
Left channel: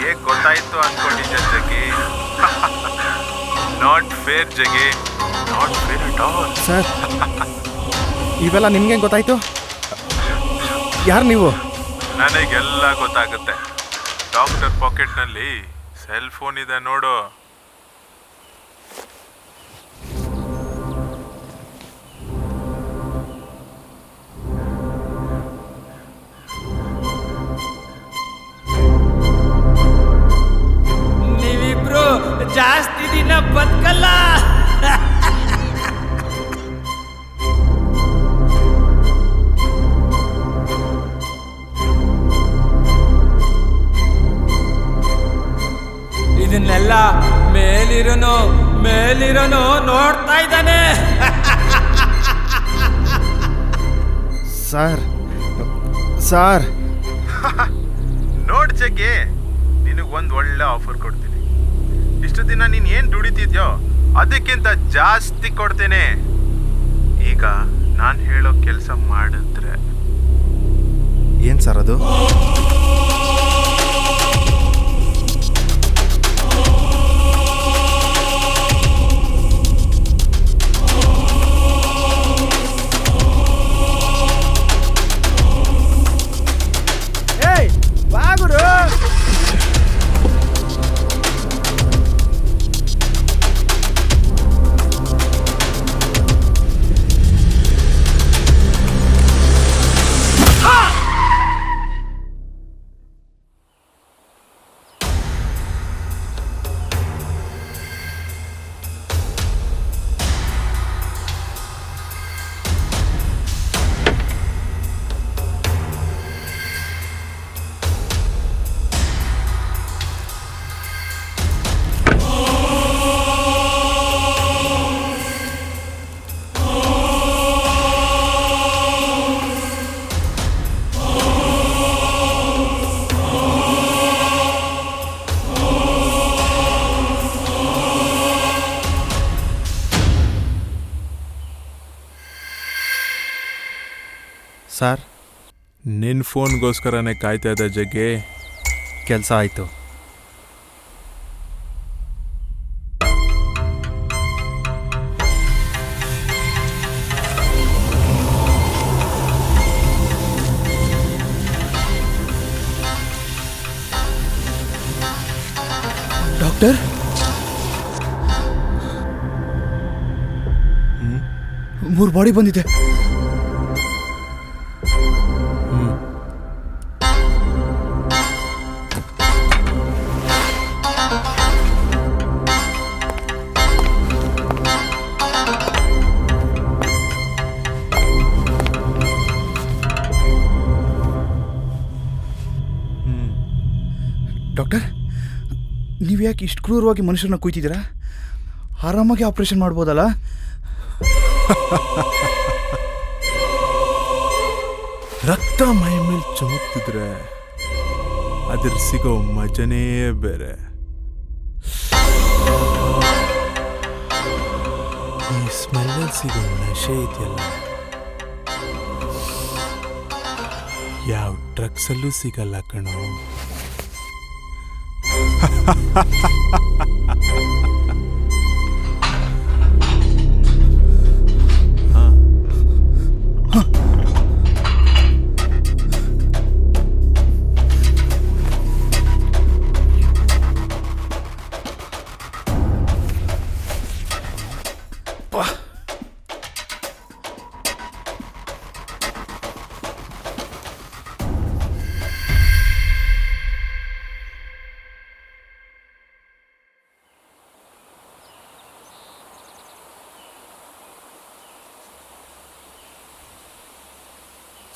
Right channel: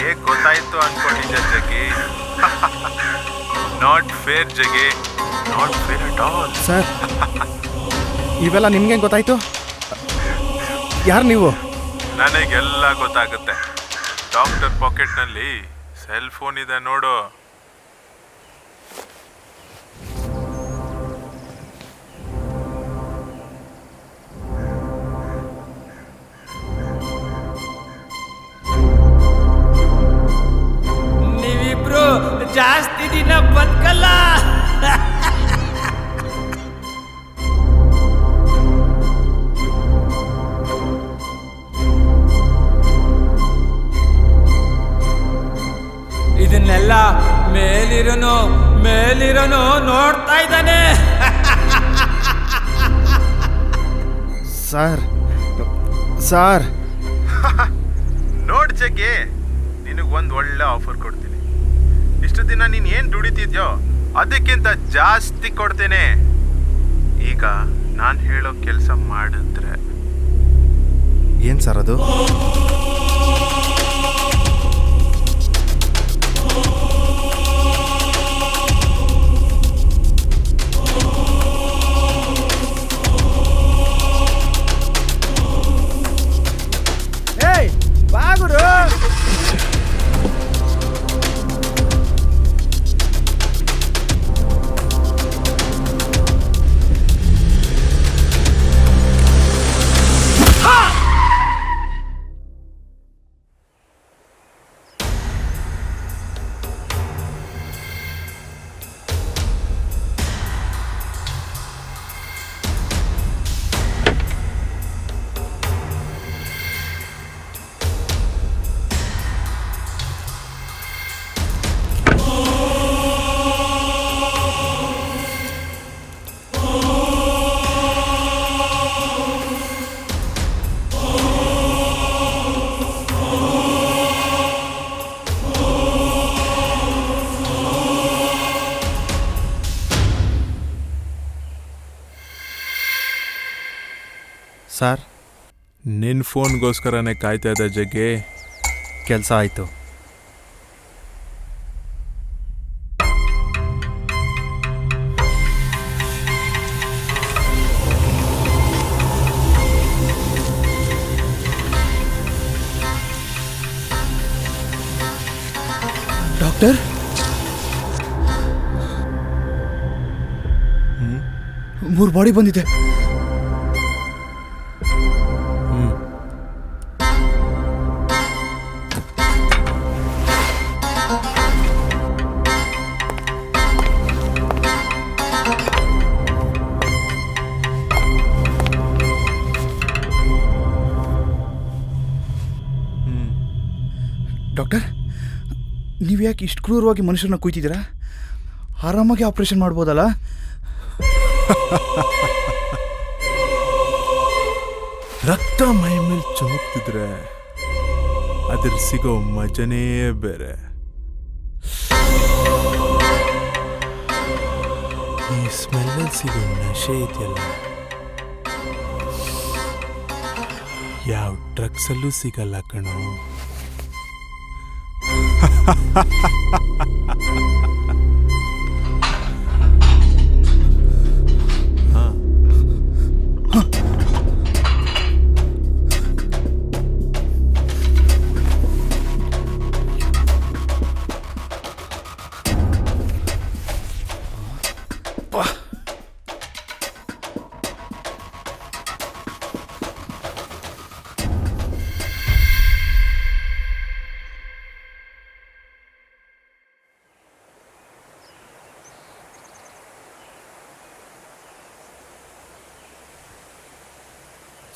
ಹೇಗ್ ಗೊತ್ತಾಯ್ತು ಅನ್ಕೊಂಡಿದ್ದೆ Jaggi? Not fair Jaggi, not fair at all. Sir ಇವೆಲ್ಲ ನಿಮ್ಗೆ ಗೊತ್ತಾಯ್ತು? ಯಾರು ನೀವು? ನನಗೆಲ್ಲ ಗೊತ್ತಾಗುತ್ತೆ. ಡಾಕ್ಟರ್ ಪಾಕೆಟ್ನಲ್ಲಿ ಸೆಲ್ ಫೋನ್ ಇದೆ ನೋಡು. ನೀವಿಬ್ರು ಜಾಸ್ತಿ ದಿನ ಬದುಕಲ್ಲ. ಇದನ್ನೆಲ್ಲ ಮೇಲಿರೋನು ನೋಡ್ತಾ ಇದ್ದಾನೆ. ಸರ್ ನೋಡ್ ಜಗ್ಗಿ, ನಿನಗೆ ಒಂದು ಒಳ್ಳೆ ಆಫರ್ ಕೊಡ್ತೀನಿ. ಇಷ್ಟು ದಿನ ನೀನು ಏನು ದುಡಿತಿದ್ಯೋ ಅದಕ್ಕಿಂತ ಜಾಸ್ತಿ ಕೊಡ್ತೇನೆ. ಈಗ ನಾನು ಹೇಳೋ ಕೆಲಸ ಮಾಡಿದ್ರೆ. ಏನು ಸರ್ ಅದು? ಏಯ್ ಬಾಗುರು, ಸರ್ ನಿನ್ನ ಫೋನ್ಗೋಸ್ಕರನೇ ಕಾಯ್ತಾ ಇದ್ದ ಜಗ್ಗಿ. ಕೆಲಸ ಆಯಿತು. ಡಾಕ್ಟರ್, ಮೂರು ಬಾಡಿ ಬಂದಿದೆ. ಡಾಕ್ಟರ್, ನೀವು ಯಾಕೆ ಇಷ್ಟು ಕ್ರೂರವಾಗಿ ಮನುಷ್ಯರನ್ನ ಕುಯ್ತಿದ್ದೀರಾ? ಆರಾಮಾಗಿ ಆಪರೇಷನ್ ಮಾಡ್ಬೋದಲ್ಲ? ರಕ್ತ ಮೈ ಮೇಲೆ ಚುಮುಕ್ತಿದ್ರೆ ಅದ್ರ ಸಿಗೋ ಮಜನೇ ಬೇರೆ. ಈ ಸ್ಮೆಲ್ಲಲ್ಲಿ ಸಿಗೋ ನಶೆ ಇದೆಯಲ್ಲ, ಯಾವ ಡ್ರಗ್ಸಲ್ಲೂ ಸಿಗಲ್ಲ ಕಣೋ.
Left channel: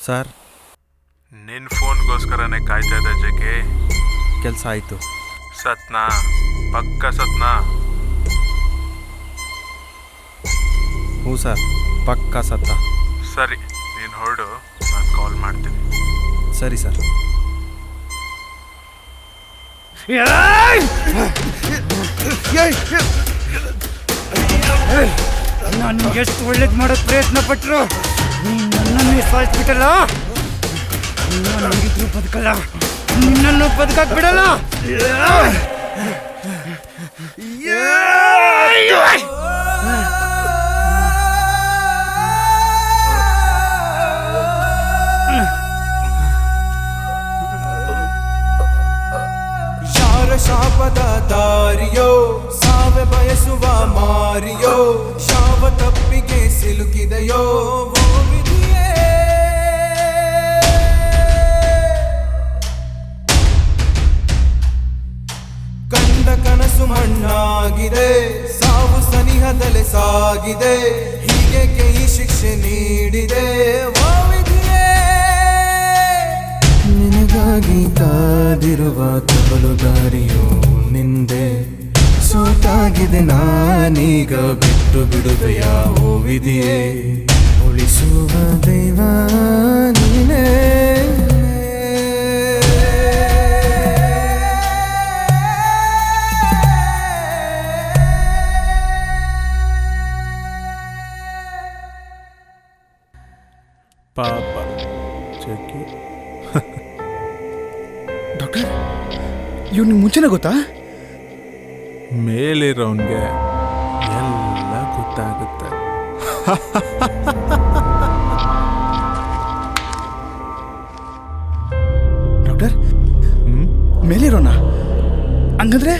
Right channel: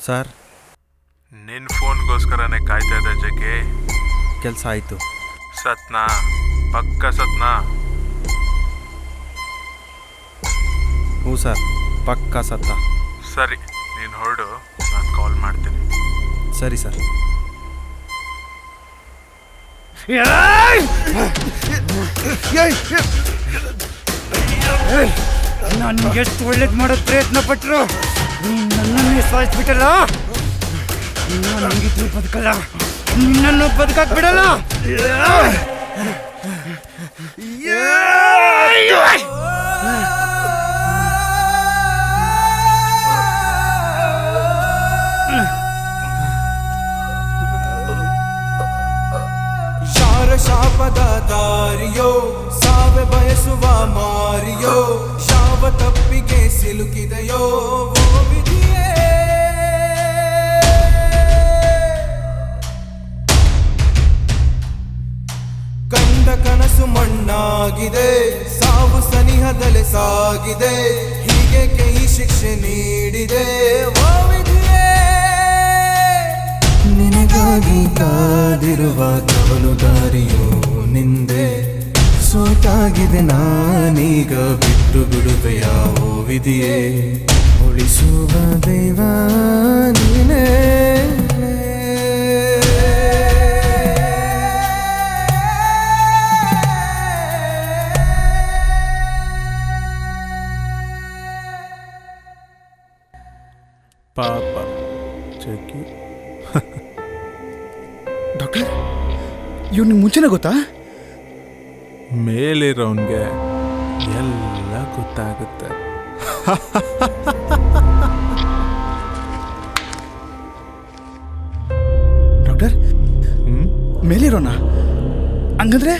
ಸರ್ ನಿನ್ನ ಫೋನ್ಗೋಸ್ಕರನೇ ಕಾಯ್ತಾ ಇದ್ದ ಜಗ್ಗಿ. ಕೆಲಸ ಆಯಿತು. ಸತ್ನಾ? ಪಕ್ಕ ಸತ್ನಾ? ಹ್ಞೂ ಸರ್, ಪಕ್ಕಾ ಸತ್ತ. ಸರಿ, ನೀನು ಹೊರಡು, ನಾನು ಕಾಲ್ ಮಾಡ್ತೀನಿ. ಸರಿ ಸರ್. ನಾನು ನಿಮ್ಗೆ ಎಷ್ಟು ಒಳ್ಳೇದು ಮಾಡೋದು ಪ್ರಯತ್ನ ಪಟ್ಟರು, ನೀನು ನನ್ನನ್ನೇ ಸಾಯಿಸ್ಬಿಟ್ಟಲ್ಲ. ನಾನು ಹಂಗಿದ್ರು ಬದುಕಲ್ಲ. ನಿನ್ನನ್ನು ಬದುಕಕ್ ಬಿಡಲ್ಲ. ಯಾರ ಶಾಪದ ದಾರಿಯೋ ಸಾವೆ ಬಯಸುವ ಮಾರಿಯೋ ಯಾವ ತಪ್ಪಿಗೆ ಸಿಲುಕಿದೆಯೋ ಓ ವಿಧಿಯೇ. ಕಂಡ ಕನಸು ಮಣ್ಣಾಗಿದೆ ಸಾವು ಸನಿಹದಲೆ ಸಾಗಿದೆ ಹೀಗೆ ಈ ಶಿಕ್ಷೆ ನೀಡಿದೆ ಓ ವಿಧಿಯೇ. ನಿನಗಾಗಿ ಕಾದಿರುವ ಕವಲು ದಾರಿಯೋ ನಿಂದೆ ಸೋತಾಗಿದೆ ನಾನೀಗ ಬಿಟ್ಟು ಬಿಡುವೆಯ ಓ ವಿಧಿಯೇ. ಉಳಿಸುವ ದೈವ ನೀನೇ. ಪಾಪ ಚೆಕ್ಕಿ ಡಾಕ್ಟರ್ ಇವ್ನಿಗೆ ಮುಂಚೆನೇ ಗೊತ್ತಾ? ಮೇಲಿರೋನ್ಗೆ ಎಲ್ಲ ಗೊತ್ತಾಗುತ್ತೆ. ಡಾಕ್ಟರ್ ಮೇಲಿರೋಣ ಹಂಗಂದ್ರೆ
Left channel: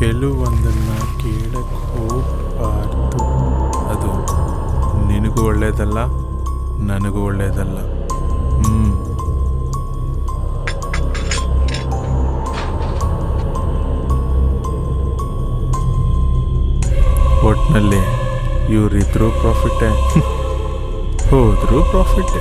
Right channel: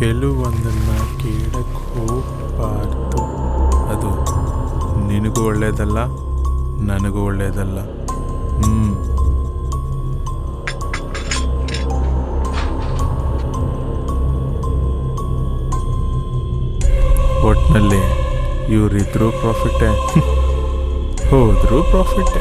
ಕೆಲವೊಂದನ್ನ ಕೇಳಕ್ ಹೋಗ್ಬಾರ್ದು. ಅದು ನಿನಗೂ ಒಳ್ಳೇದಲ್ಲ, ನನಗೂ ಒಳ್ಳೇದಲ್ಲ. ಒಟ್ನಲ್ಲಿ ಇವರಿದ್ರೂ ಪ್ರಾಫಿಟ್ಟೇ, ಹೋದ್ರೂ ಪ್ರಾಫಿಟ್ಟೇ.